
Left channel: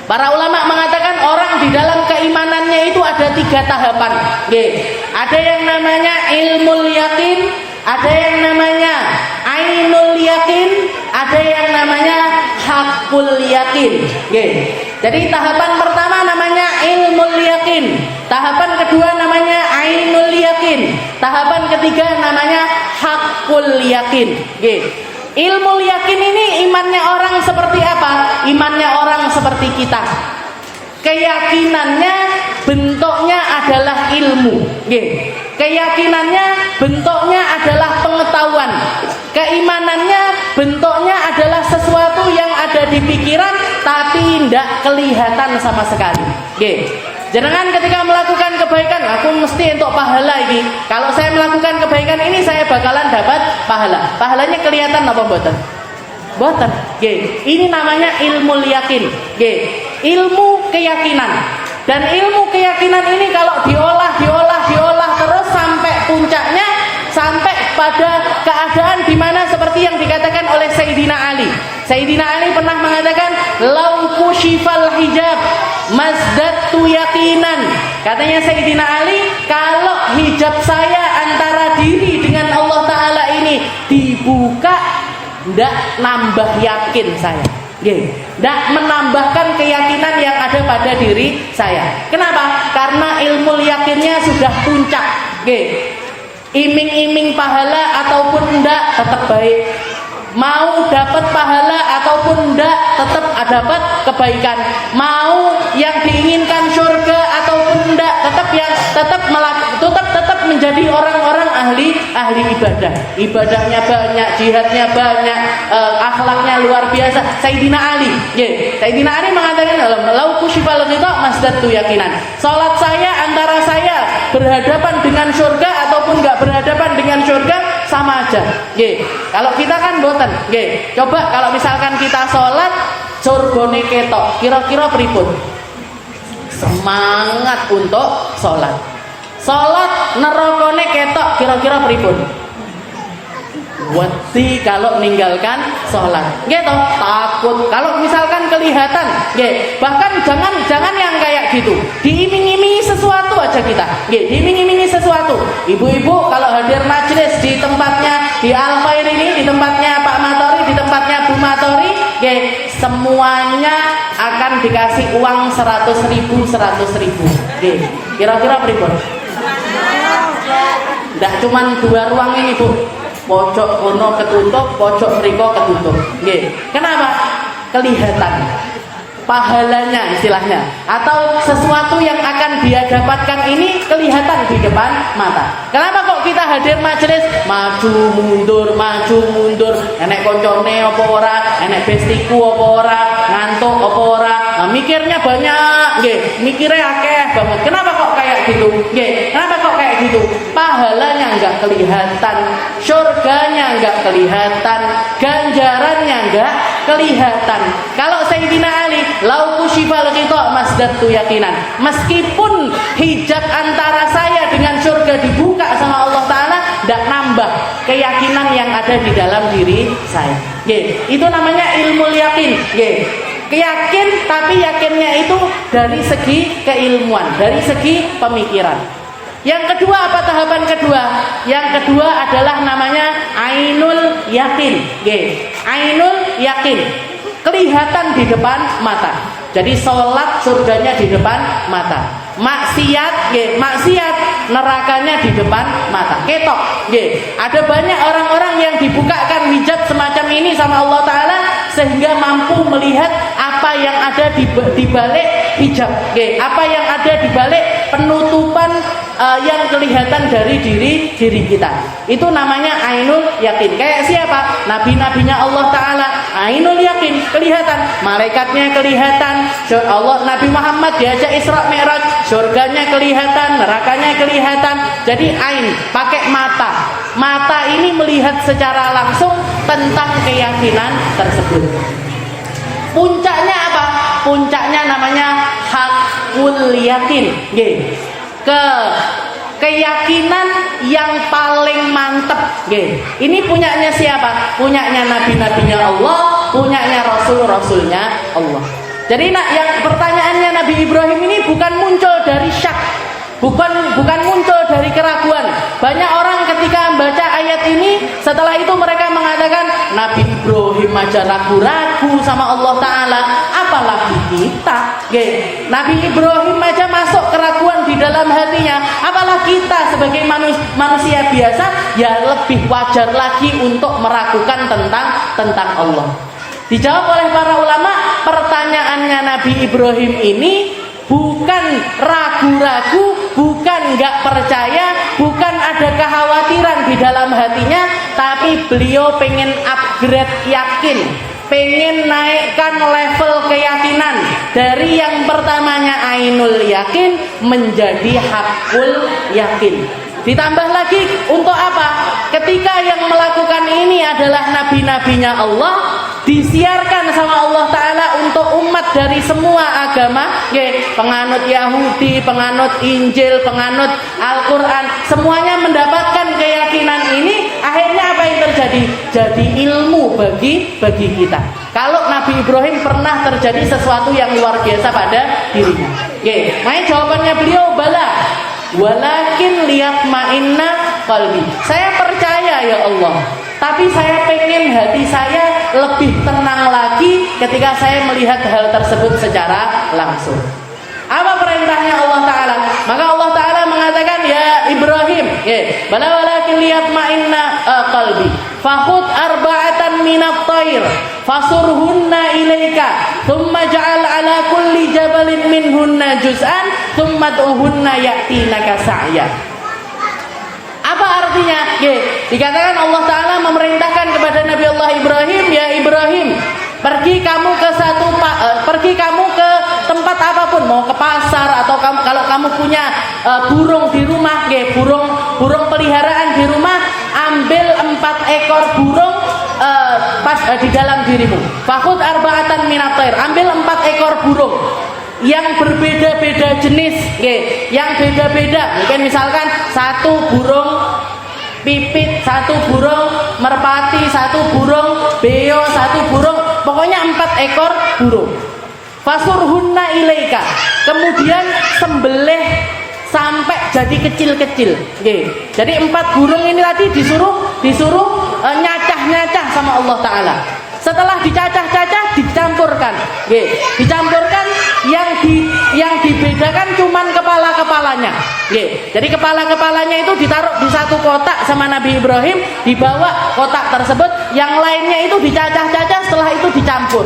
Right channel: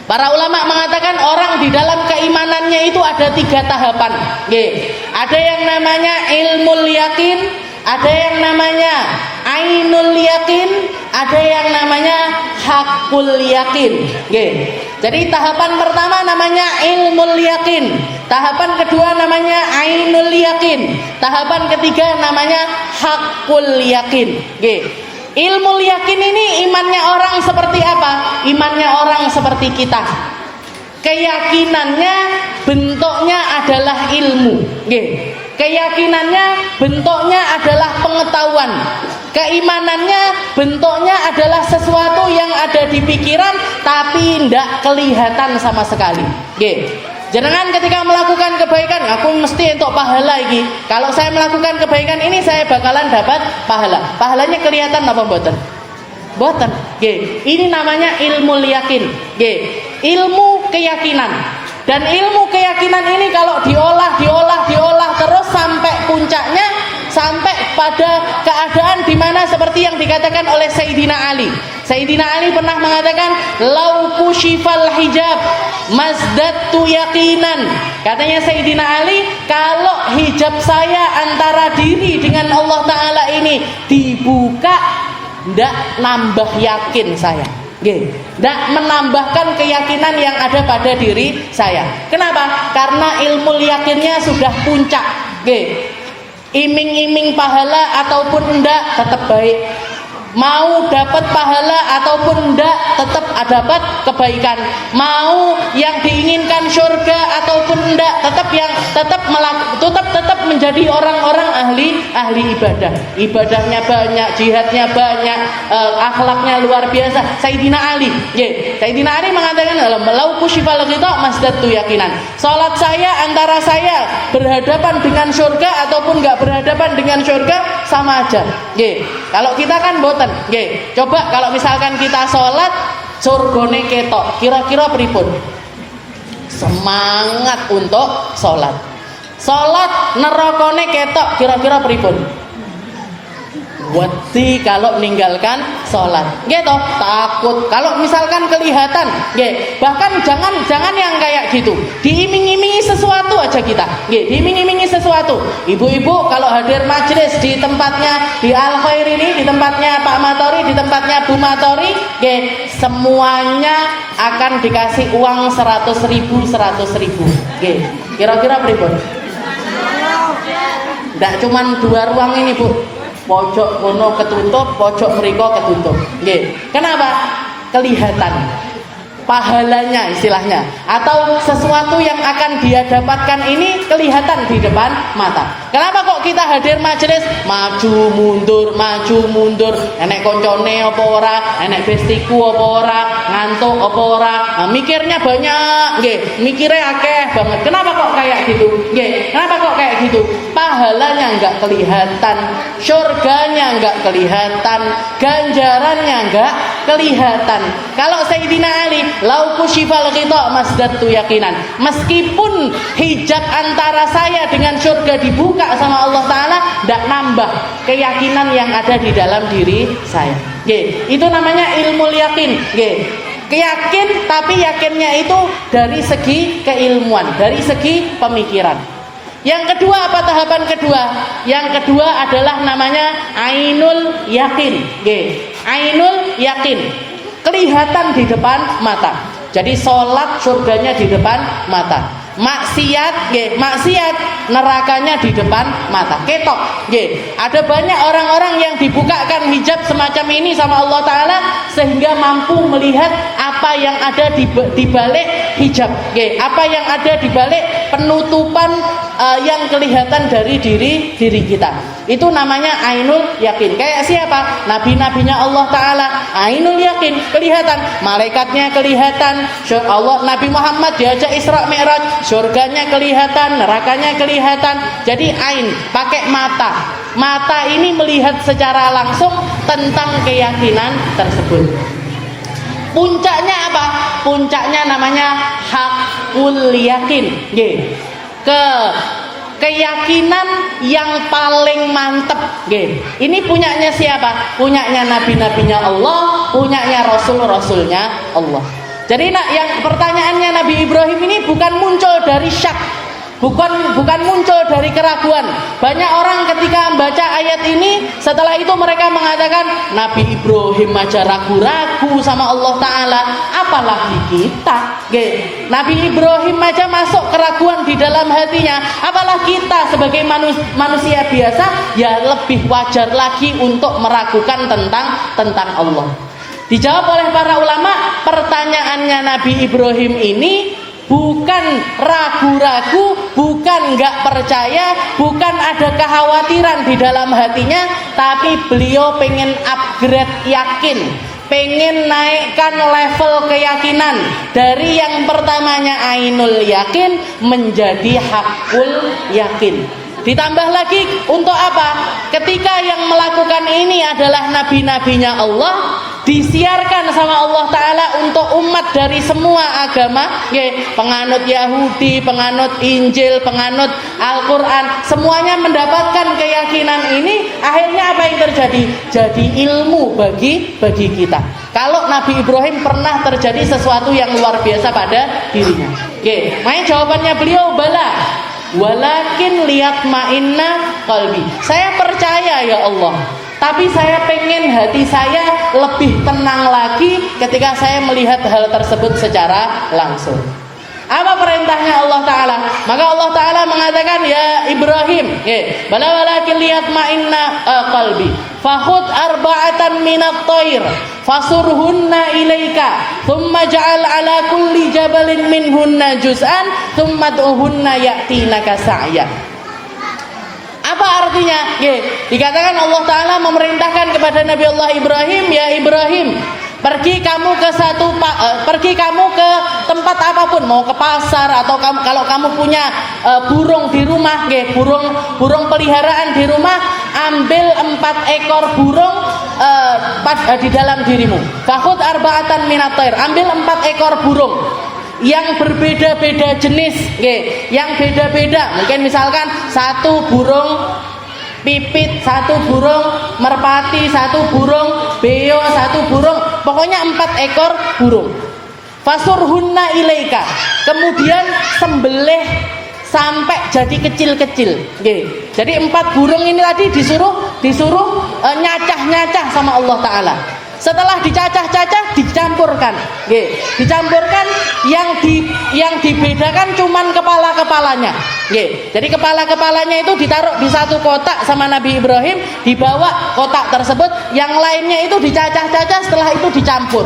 Para ulama mengatakan orang di dalam keimanannya itu ada 3 tahapan. Ada yang namanya ilmul yakin, ada yang namanya ainul yakin, ada yang namanya hakul yakin. Jadi tahapan pertama namanya ilmul yakin, tahapan kedua namanya ainul yakin, tahapan ketiga namanya hakul yakin. Ilmu yakin ini imannya orang seperti apa? Imannya orang seperti kita. Keyakinannya bentuknya adalah ilmu. Keyakinannya bentuknya adalah pengetahuan. Keimanannya bentuknya adalah sesuatu yang ada di pikiran tapi tidak kelihatan sama sekali. Jangan ketika melakukan kebaikan, aku mesti untuk pahala ini. Kalau saya melakukan kebaikan ini, saya bakalan dapat pahala. Pahalanya kelihatan apa mboten? Mboten. Ini namanya ilmu yakin. Ilmu keyakinan. Dan ilmu keyakinan ini kalau diolah terus sampai puncaknya, sampai pada keadaan di mana seperti yang dikatakan oleh Sayyidina Ali. Sayyidina Ali pernah mengatakan, "Lau kushifal hijab mazdadtu yaqinan." Katanya Sayyidina Ali, kalau hijab saya antara diri dengan Allah Ta'ala ini dibuka, ndak nambah yakin saya. Ndak menambahkan keyakinan yang ada pada diri saya. Kenapa? Karena ilmu yakinnya sudah puncak. Iming-iming pahala ataupun enggak tetap baik. Mau dapat pahala ataupun enggak tetap dapat kebaikan. Mau yang diinginkan surga ataupun enggak tetap menjadi orang-orang ahli ibadah. Ibadahnya banyak, jihadnya banyak, akhlaknya luar biasa. Sayyidina Ali, Sayyidina Ali mengatakan dalam lauku syifal ghita masdatu yakinan. Salat saya antara saya berhadapan dengan surga ataupun enggak berhadapan dengan surga sama aja. Kalau kita kan boten. Coba kalau misalkan kita sholat surgane ketok, kira-kira pripun? Semangat untuk sholat. Sholat nerakane ketok, kira-kira pripun? Wedi kalau meninggalkan sholat, gitu. Takut kalau misalkan kelihatan, bahkan jangan yang kayak gitu. Diiming-imingi sesuatu aja kita, diiming-imingi sesuatu. Ibu-ibu kalau hadir majelis di tempatnya di Al Khair ini, di tempatnya Pak Matori, di tempatnya Bu Matori, semuanya akan dikasih uang 100.000. Kira-kira pripun? Tidak cuman 2 ruang ini, Bu. Pojok kono ketutup, pojok mriko ketutup. Kenapa? Kelihatan pahalanya istilahnya, atau sesuatu yang akan dia dapatkan ini kelihatan di depan mata. Kenapa kok kita hadir majelis maju mundur, enek koncone apa ora, enek bestiku apa ora, ngantuk apa ora, mikirnya banyak, mikirnya akeh banget. Kenapa kok kayak gitu? Kenapa kok kayak gitu? Pahalanya enggak kelihatan, surganya enggak kelihatan, ganjarannya enggak kelihatan. Kalau Sayyidina Ali, lauku syifal ghita masdadtu yakinan. Meskipun hijab antara saya dengan surga dibuka sama Allah Ta'ala, tidak nambah keyakinan yang ada di dalam diri saya. Itu namanya ilmu yakin. Keyakin, tapi yakinnya itu dari segi keilmuan, dari segi pemikiran. Yang kedua, apa tahapan kedua? Yang kedua adalah namanya ainul yakin. Ainul yakin, kelihatan di depan mata. Jadi sholat surganya di depan mata. Maksiat, maksiat nerakanya di depan mata. Ketok, ada banyak orang-orang yang dibukakan hijab semacam ini sama Allah Ta'ala sehingga mampu melihat apa yang ada di balik hijab, apa yang ada di balik penutupan yang kelihatan dari diri kita. Itu namanya ainul yakin. Kayak siapa? Nabi-nabinya Allah Ta'ala, ainul yakin, kelihatan. Malaikatnya kelihatan. Allah, Nabi Muhammad diajak Isra Mi'raj, surganya kelihatan, nerakanya kelihatan. Jadi ain, pakai mata. Mata ini melihat secara langsung tentang keyakinan tersebut. Puncaknya apa? Puncaknya namanya hakul yakin. Keyakinan yang paling mantep. Ini punyanya siapa? Punyanya nabi-nabinya Allah, punyanya rasul-rasulnya Allah. Jadi yang pertanyaannya Nabi Ibrahim ini bukan muncul dari syak, bukan muncul dari keraguan. Banyak orang ketika membaca ayat ini, setelah itu mereka mengatakan Nabi Ibrahim aja ragu-ragu sama Allah Ta'ala, apalagi kita. Nabi Ibrahim aja masuk keraguan di dalam hatinya, apalagi kita sebagai manusia biasa, ya lebih wajar lagi untuk meragukan tentang Allah. Dijawab oleh para ulama, pertanyaannya Nabi Ibrahim ini bukan ragu-ragu, bukan nggak percaya, bukan ada kekhawatiran di dalam hatinya, tapi beliau pengen upgrade yakin, pengen naikkan level keyakinan dari yang pertamanya ainul yakin menjadi hakul yakin. Ditambah lagi untuk apa? Ketika yang melakukan ini adalah nabi-nabinya Allah, disiarkan sama Allah Ta'ala untuk umat dari semua agama, penganut Yahudi, penganut Injil, penganut Al-Quran, semuanya mendapatkan keyakinan ini. Akhirnya apa yang terjadi? Jadi ilmu bagi kita. Kalau Nabi Ibrahim pernah terjadi sesuatu yang luar biasa pada dirinya. Makanya jawabannya beliau bala, walakin liyatma'inna qalbi. Saya percaya ya Allah, tapi saya pengen hati saya lebih tenang lagi ketika saya melihat hal tersebut secara langsung. Apa perintahnya Allah Ta'ala? Maka Allah Ta'ala mengatakan, ya Ibrahim, bala walakin liyatma'inna qalbi fakhud arba'atan minat thair fasurhunna ilaika thumma ja'al ala kulli jabalin minhunna juz'an thumma du'hunna ya'tinaka sa'ya. Apa artinya? Dikatakan Allah Ta'ala memerintahkan kepada Nabi Allah Ibrahim, ya Ibrahim, pergi kamu ke tempat apapun, mau ke pasar atau kalau kamu punya burung di rumah, burung peliharaan di rumah, ambil 4 ekor burung di dalam dirimu. Fakhud arba'atan minat thair, ambil 4 ekor burung yang berbeda-beda jenis, yang beda-beda. Mungkin misalkan 1 burung pipit, 1 burung merpati, 1 burung beo, 1 burung, pokoknya 4 ekor burung. Fasurhunna ilaika, kemudian sembelih sampai jadi kecil-kecil. Jadi 4 burung ini tadi disuruh nyacah-nyacah sama Allah Ta'ala. Setelah dicacah-cacah, dicampurkan. Dicampurkan, yang dibedakan cuman kepala-kepalanya. Jadi kepala-kepalanya itu ditaruh di satu kotak sama Nabi Ibrahim, dibawa kotak tersebut, yang lainnya itu dicacah-cacah, setelah itu dicampur.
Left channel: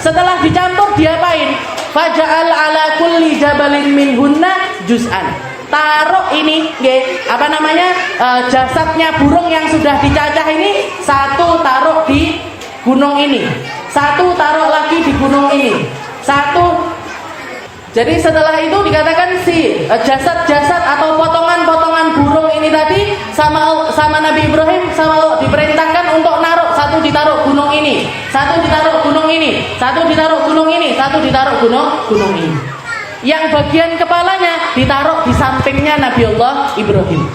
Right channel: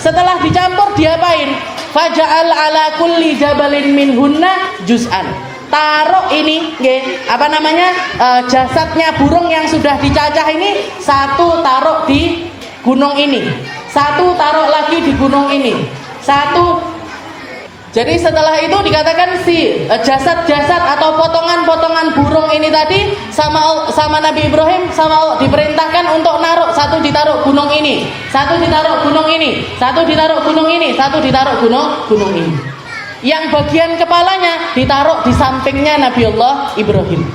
Setelah dicampur diapain? Faja'al ala kulli jabalin minhunna juz'an. Taruh ini, jasadnya burung yang sudah dicacah ini, 1 taruh di gunung ini, 1 taruh lagi di gunung ini, 1. Jadi setelah itu dikatakan si jasad-jasad atau potongan-potongan burung ini tadi sama Nabi Ibrahim diperintahkan untuk naruh, 1 ditaruh gunung ini, 1 ditaruh gunung ini, 1 ditaruh gunung ini, 1 ditaruh gunung ini. Yang bagian kepalanya ditaruh di sampingnya Nabi Allah Ibrahim.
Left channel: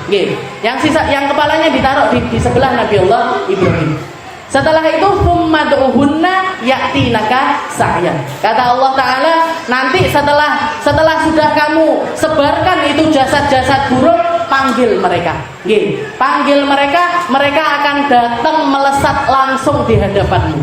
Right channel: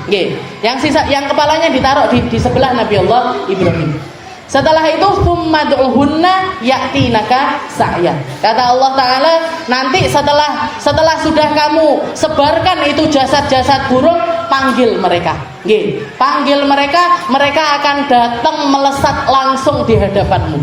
Yang kepalanya ditaruh di sebelah Nabi Allah Ibrahim. Setelah itu summad'uhunna ya'tinaka sa'yan. Kata Allah Ta'ala, nanti setelah sudah kamu sebarkan itu jasad-jasad burung, panggil mereka. Panggil mereka, mereka akan datang melesat langsung di hadapanmu.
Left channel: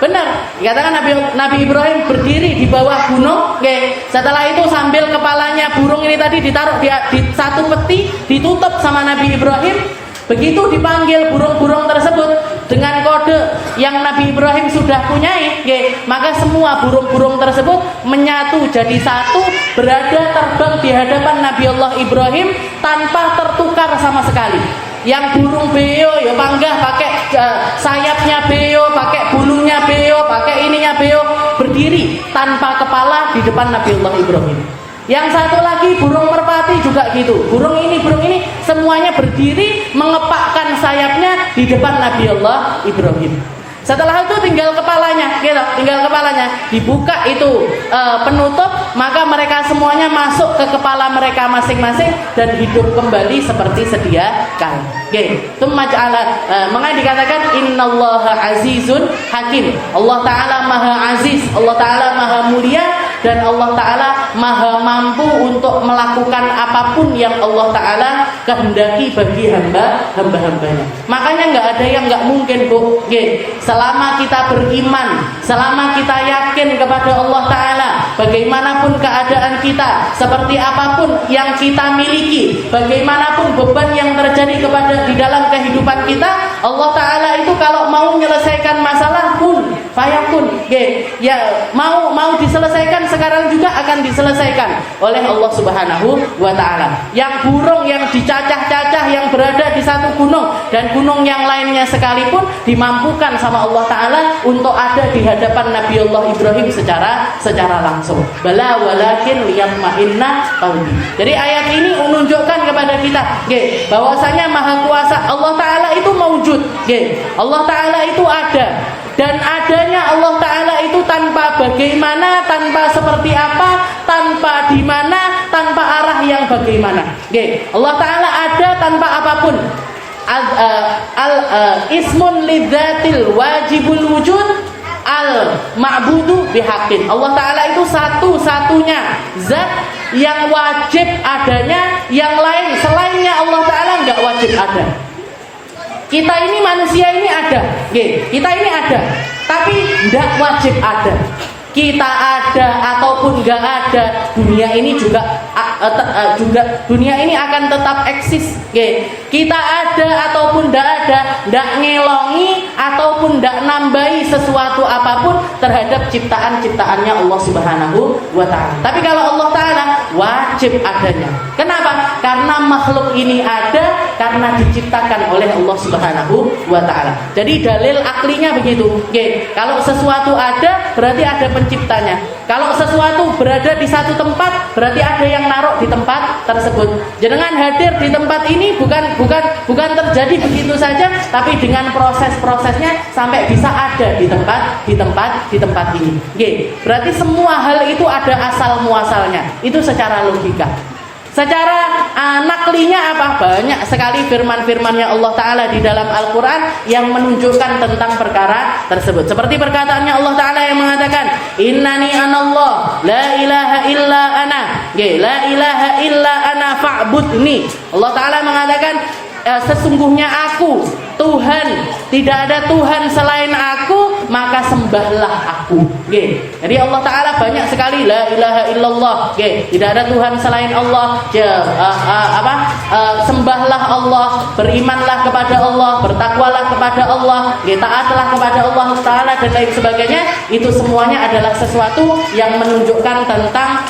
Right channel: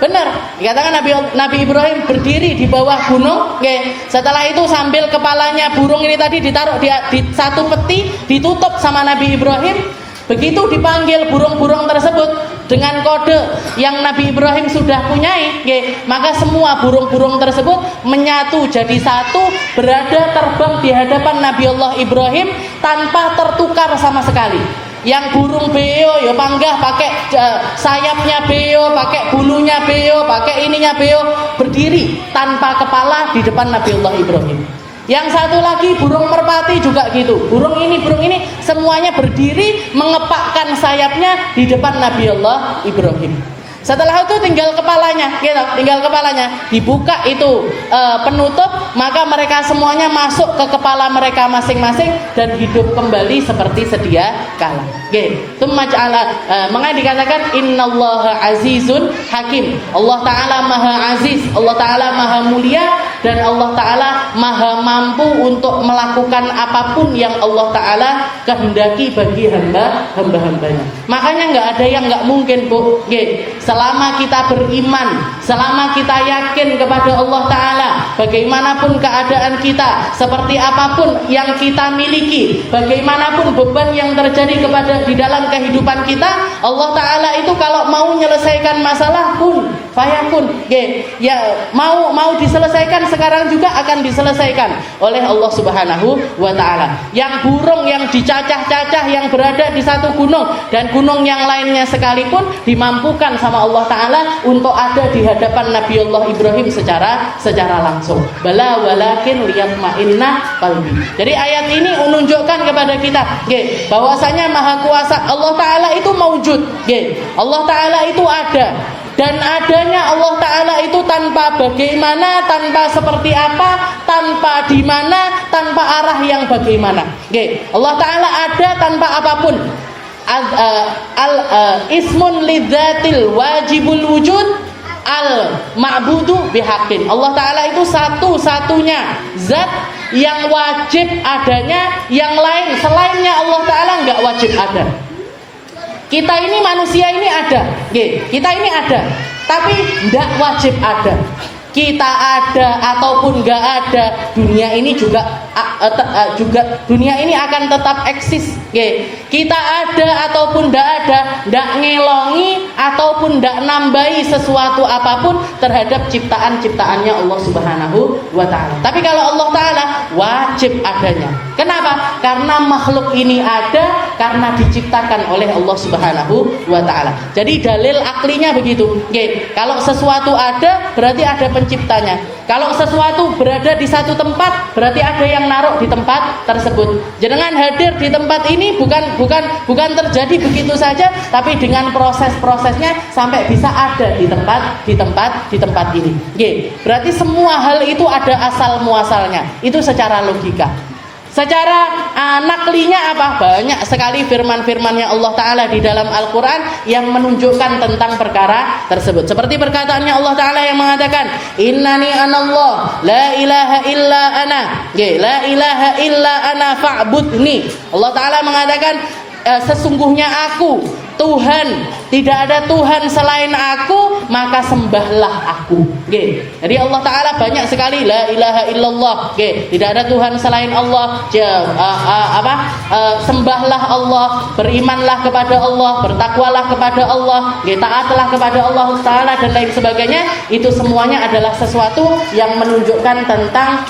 Benar. Dikatakan Nabi Ibrahim berdiri di bawah gunung. Setelah itu sambil kepalanya burung ini tadi ditaruh di satu peti, ditutup sama Nabi Ibrahim. Begitu dipanggil burung-burung tersebut dengan kode yang Nabi Ibrahim sudah punyai, maka semua burung-burung tersebut menyatu jadi satu, berada terbang di hadapan Nabi Allah Ibrahim tanpa tertukar sama sekali. Yang burung beo ya panggah pakai sayapnya beo, pakai bulunya beo, pakai ininya beo, berdiri tanpa kepala di depan Nabi Allah Ibrahim. Yang satu lagi burung merpati juga gitu. Burung ini semuanya berdiri mengepakkan sayapnya di depan Nabi Allah Ibrahim. Setelah itu tinggal kepalanya, dibuka itu penutup, maka mereka semuanya masuk ke kepala mereka masing-masing dan hidup kembali seperti sedia kala. Itu makanya dikatakan innallaha azizun hakim. Allah Ta'ala maha aziz, Allah Ta'ala maha mulia dan Allah Ta'ala maha mampu untuk melakukan apapun yang Allah Ta'ala kehendaki bagi hamba-hambanya. Makanya nggak ada yang nggak mungkin, Bu. Selama kita beriman, selama kita yakin kepada Allah Ta'ala, bagaimanapun keadaan kita, seperti apapun yang kita miliki, bagaimanapun beban yang terjadi di dalam kehidupan kita, Allah Ta'ala itu kalau mau menyelesaikan masalah pun fayakun, ya mau diselesaikan sekarang juga akan diselesaikan oleh Allah Subhanahu wa Ta'ala. Yang burung yang dicacah-cacah yang berada di satu gunung dan gunung yang lainnya sekalipun dimampukan sama Allah Ta'ala untuk ada di hadapan Nabi Allah Ibrahim secara langsung. Bala walakin liyatma'inna qalbi. Jadi ayat ini menunjukkan kepada kita bahwasanya maha kuasa Allah Ta'ala itu maujud, Allah Ta'ala itu ada. Dan adanya Allah Ta'ala itu tanpa bagaimana, tanpa seperti apa, tanpa di mana, tanpa arah yang bagaimana. Allah Ta'ala ada tanpa apapun. Ismun lidzatil wajibul wujud al ma'budu bihaqqin. Allah Ta'ala itu satu-satunya zat yang wajib adanya, yang lain selainnya Allah Ta'ala nggak wajib ada. Kita ini manusia ini ada, kita ini ada, tapi tidak wajib ada. Kita ada ataupun nggak ada, dunia ini juga dunia ini akan tetap eksis. Kita ada ataupun tidak ada, tidak ngelongi ataupun tidak nambahi sesuatu apapun terhadap ciptaan-ciptaannya Allah Subhanahu wa Ta'ala. Tapi kalau Allah Ta'ala wajib adanya. Kenapa? Karena makhluk ini ada karena diciptakan oleh Allah Subhanahu wa Ta'ala. Jadi dalil aklinya begitu. Kalau sesuatu ada berarti ada penciptanya. Kalau sesuatu berada di satu tempat berarti ada yang naruh di tempat tersebut. Jangan hadir di tempat ini bukan terjadi begitu saja, tapi dengan proses-prosesnya sampai bisa ada di tempat ini. Berarti semua hal itu ada asal muasalnya. Itu secara logika. Secara naklinya apa? Banyak sekali firman-firman yang Allah Ta'ala di dalam Al-Quran yang menunjukkan tentang perkara tersebut. Seperti perkataannya Allah Ta'ala yang mengatakan, Innani anallah, la ilaha illa ana, la ilaha illa ana fa'budni. Allah Ta'ala mengatakan, sesungguhnya aku Tuhan, tidak ada Tuhan selain aku, maka sembahlah aku. Jadi Allah Ta'ala banyak sekali la ilaha illallah, tidak ada Tuhan selain Allah, sembahlah Allah, berimanlah kepada Allah, bertakwalah kepada Allah, taatlah kepada Allah Ta'ala dan lain sebagainya. Itu semuanya adalah sesuatu yang menunjukkan tentang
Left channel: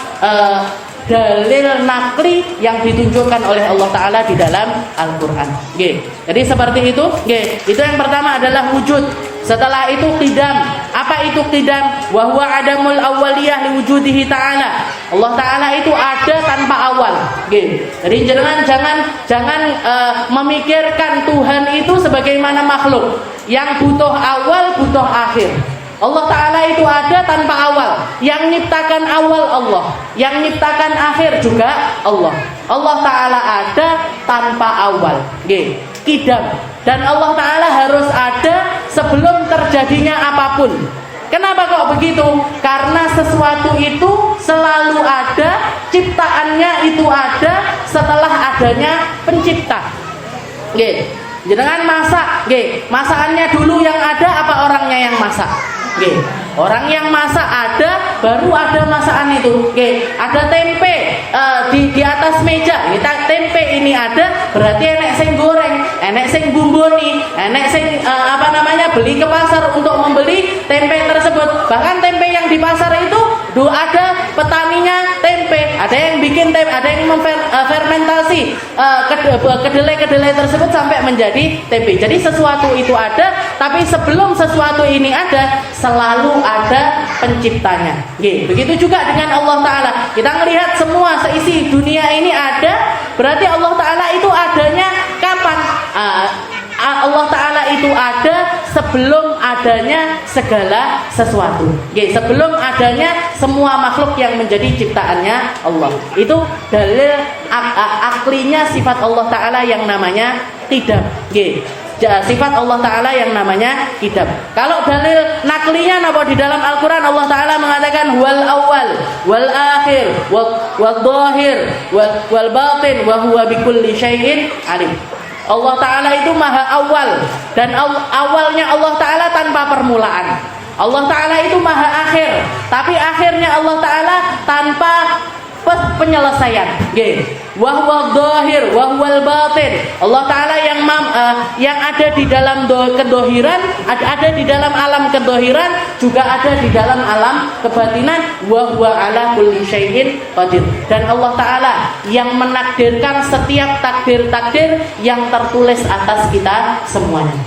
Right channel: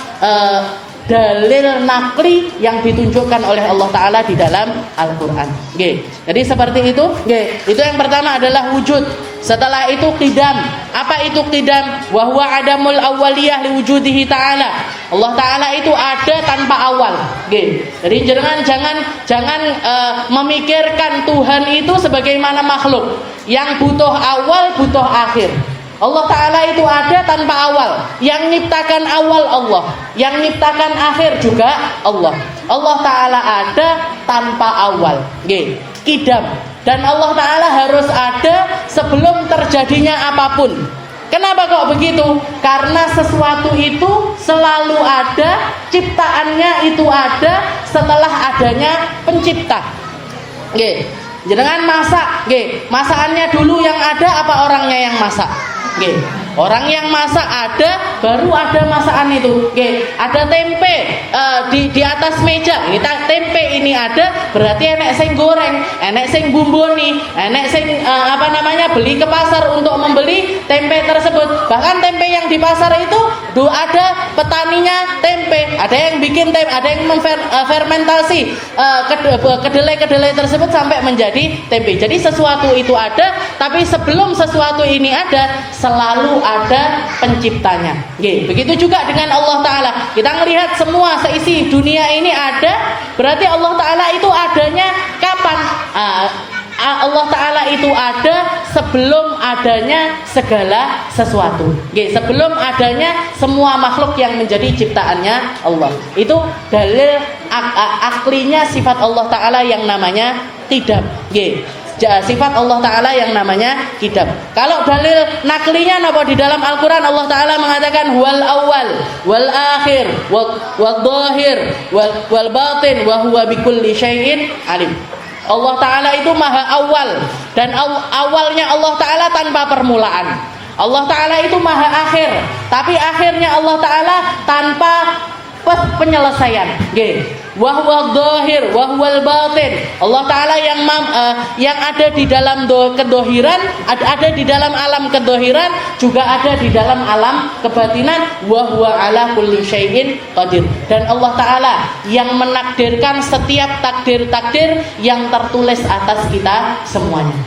dalil nakli yang ditunjukkan oleh Allah Ta'ala di dalam Al-Quran. Jadi seperti itu. Itu yang pertama adalah wujud. Setelah itu qidam. Apa itu qidam? Wa huwa adamul awwaliyah liwujudihi ta'ala. Allah Ta'ala itu ada tanpa awal. Jadi jangan memikirkan Tuhan itu sebagaimana makhluk yang butuh awal, butuh akhir. Allah Ta'ala itu ada tanpa awal. Yang nyiptakan awal Allah, yang nyiptakan akhir juga Allah. Allah Ta'ala ada tanpa awal. Qidam. Dan Allah Ta'ala harus ada sebelum terjadinya apapun. Kenapa kok begitu? Karena sesuatu itu selalu ada, ciptaannya itu ada setelah adanya pencipta. Jangan masak, masakannya dulu yang ada apa orangnya yang masak? Orang yang masak ada, baru ada masakan itu. Ada tempe di atas meja. Tempe ini ada, berarti enek sing goreng, enek sing bumboni, enek sing beli ke pasar untuk membeli tempe tersebut. Bahkan tempe yang di pasar itu ada petaninya tempe, ada yang bikin tempe, ada yang fermentasi kedelai tersebut sampai menjadi tempe. Jadi sesuatu itu ada, tapi sebelum sesuatu ini ada, selalu ada penciptanya. Begitu juga dengan Allah Ta'ala. Kita melihat semua seisi dunia ini ada, berarti Allah Ta'ala itu adanya kapan? Allah Ta'ala itu ada sebelum adanya segala sesuatu. Sebelum adanya semua makhluk yang menjadi ciptaannya Allah. Itu dalil aklinya sifat Allah Ta'ala yang namanya qidam. sifat Allah Ta'ala yang namanya qidam. Kalau dalil naklinya napa di dalam Al-Quran Allah Ta'ala mengatakan wal awal wal akhir wal dhahir wal batin wa huwa bikulli syai'in alim. Allah Ta'ala itu maha awal, dan awalnya Allah Ta'ala tanpa permulaan. Allah Ta'ala itu maha akhir, tapi akhirnya Allah Ta'ala tanpa penyelesaian. Wa huwa dhahir wa huwal batin. Allah Ta'ala yang ada di dalam kedohiran, ada di dalam alam kedohiran, juga ada di dalam alam kebatinan. Wa huwa ala kulli syai'in qadir. Dan Allah Ta'ala yang menakdirkan setiap takdir-takdir yang tertulis atas kita semuanya.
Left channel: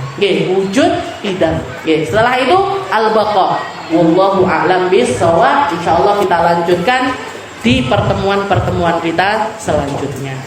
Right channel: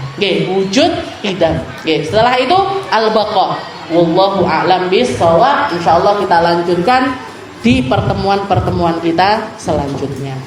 Wujud qidam. Setelah itu al-baqa. Wallahu a'lam bishawab. Insyaallah kita lanjutkan di pertemuan-pertemuan kita selanjutnya.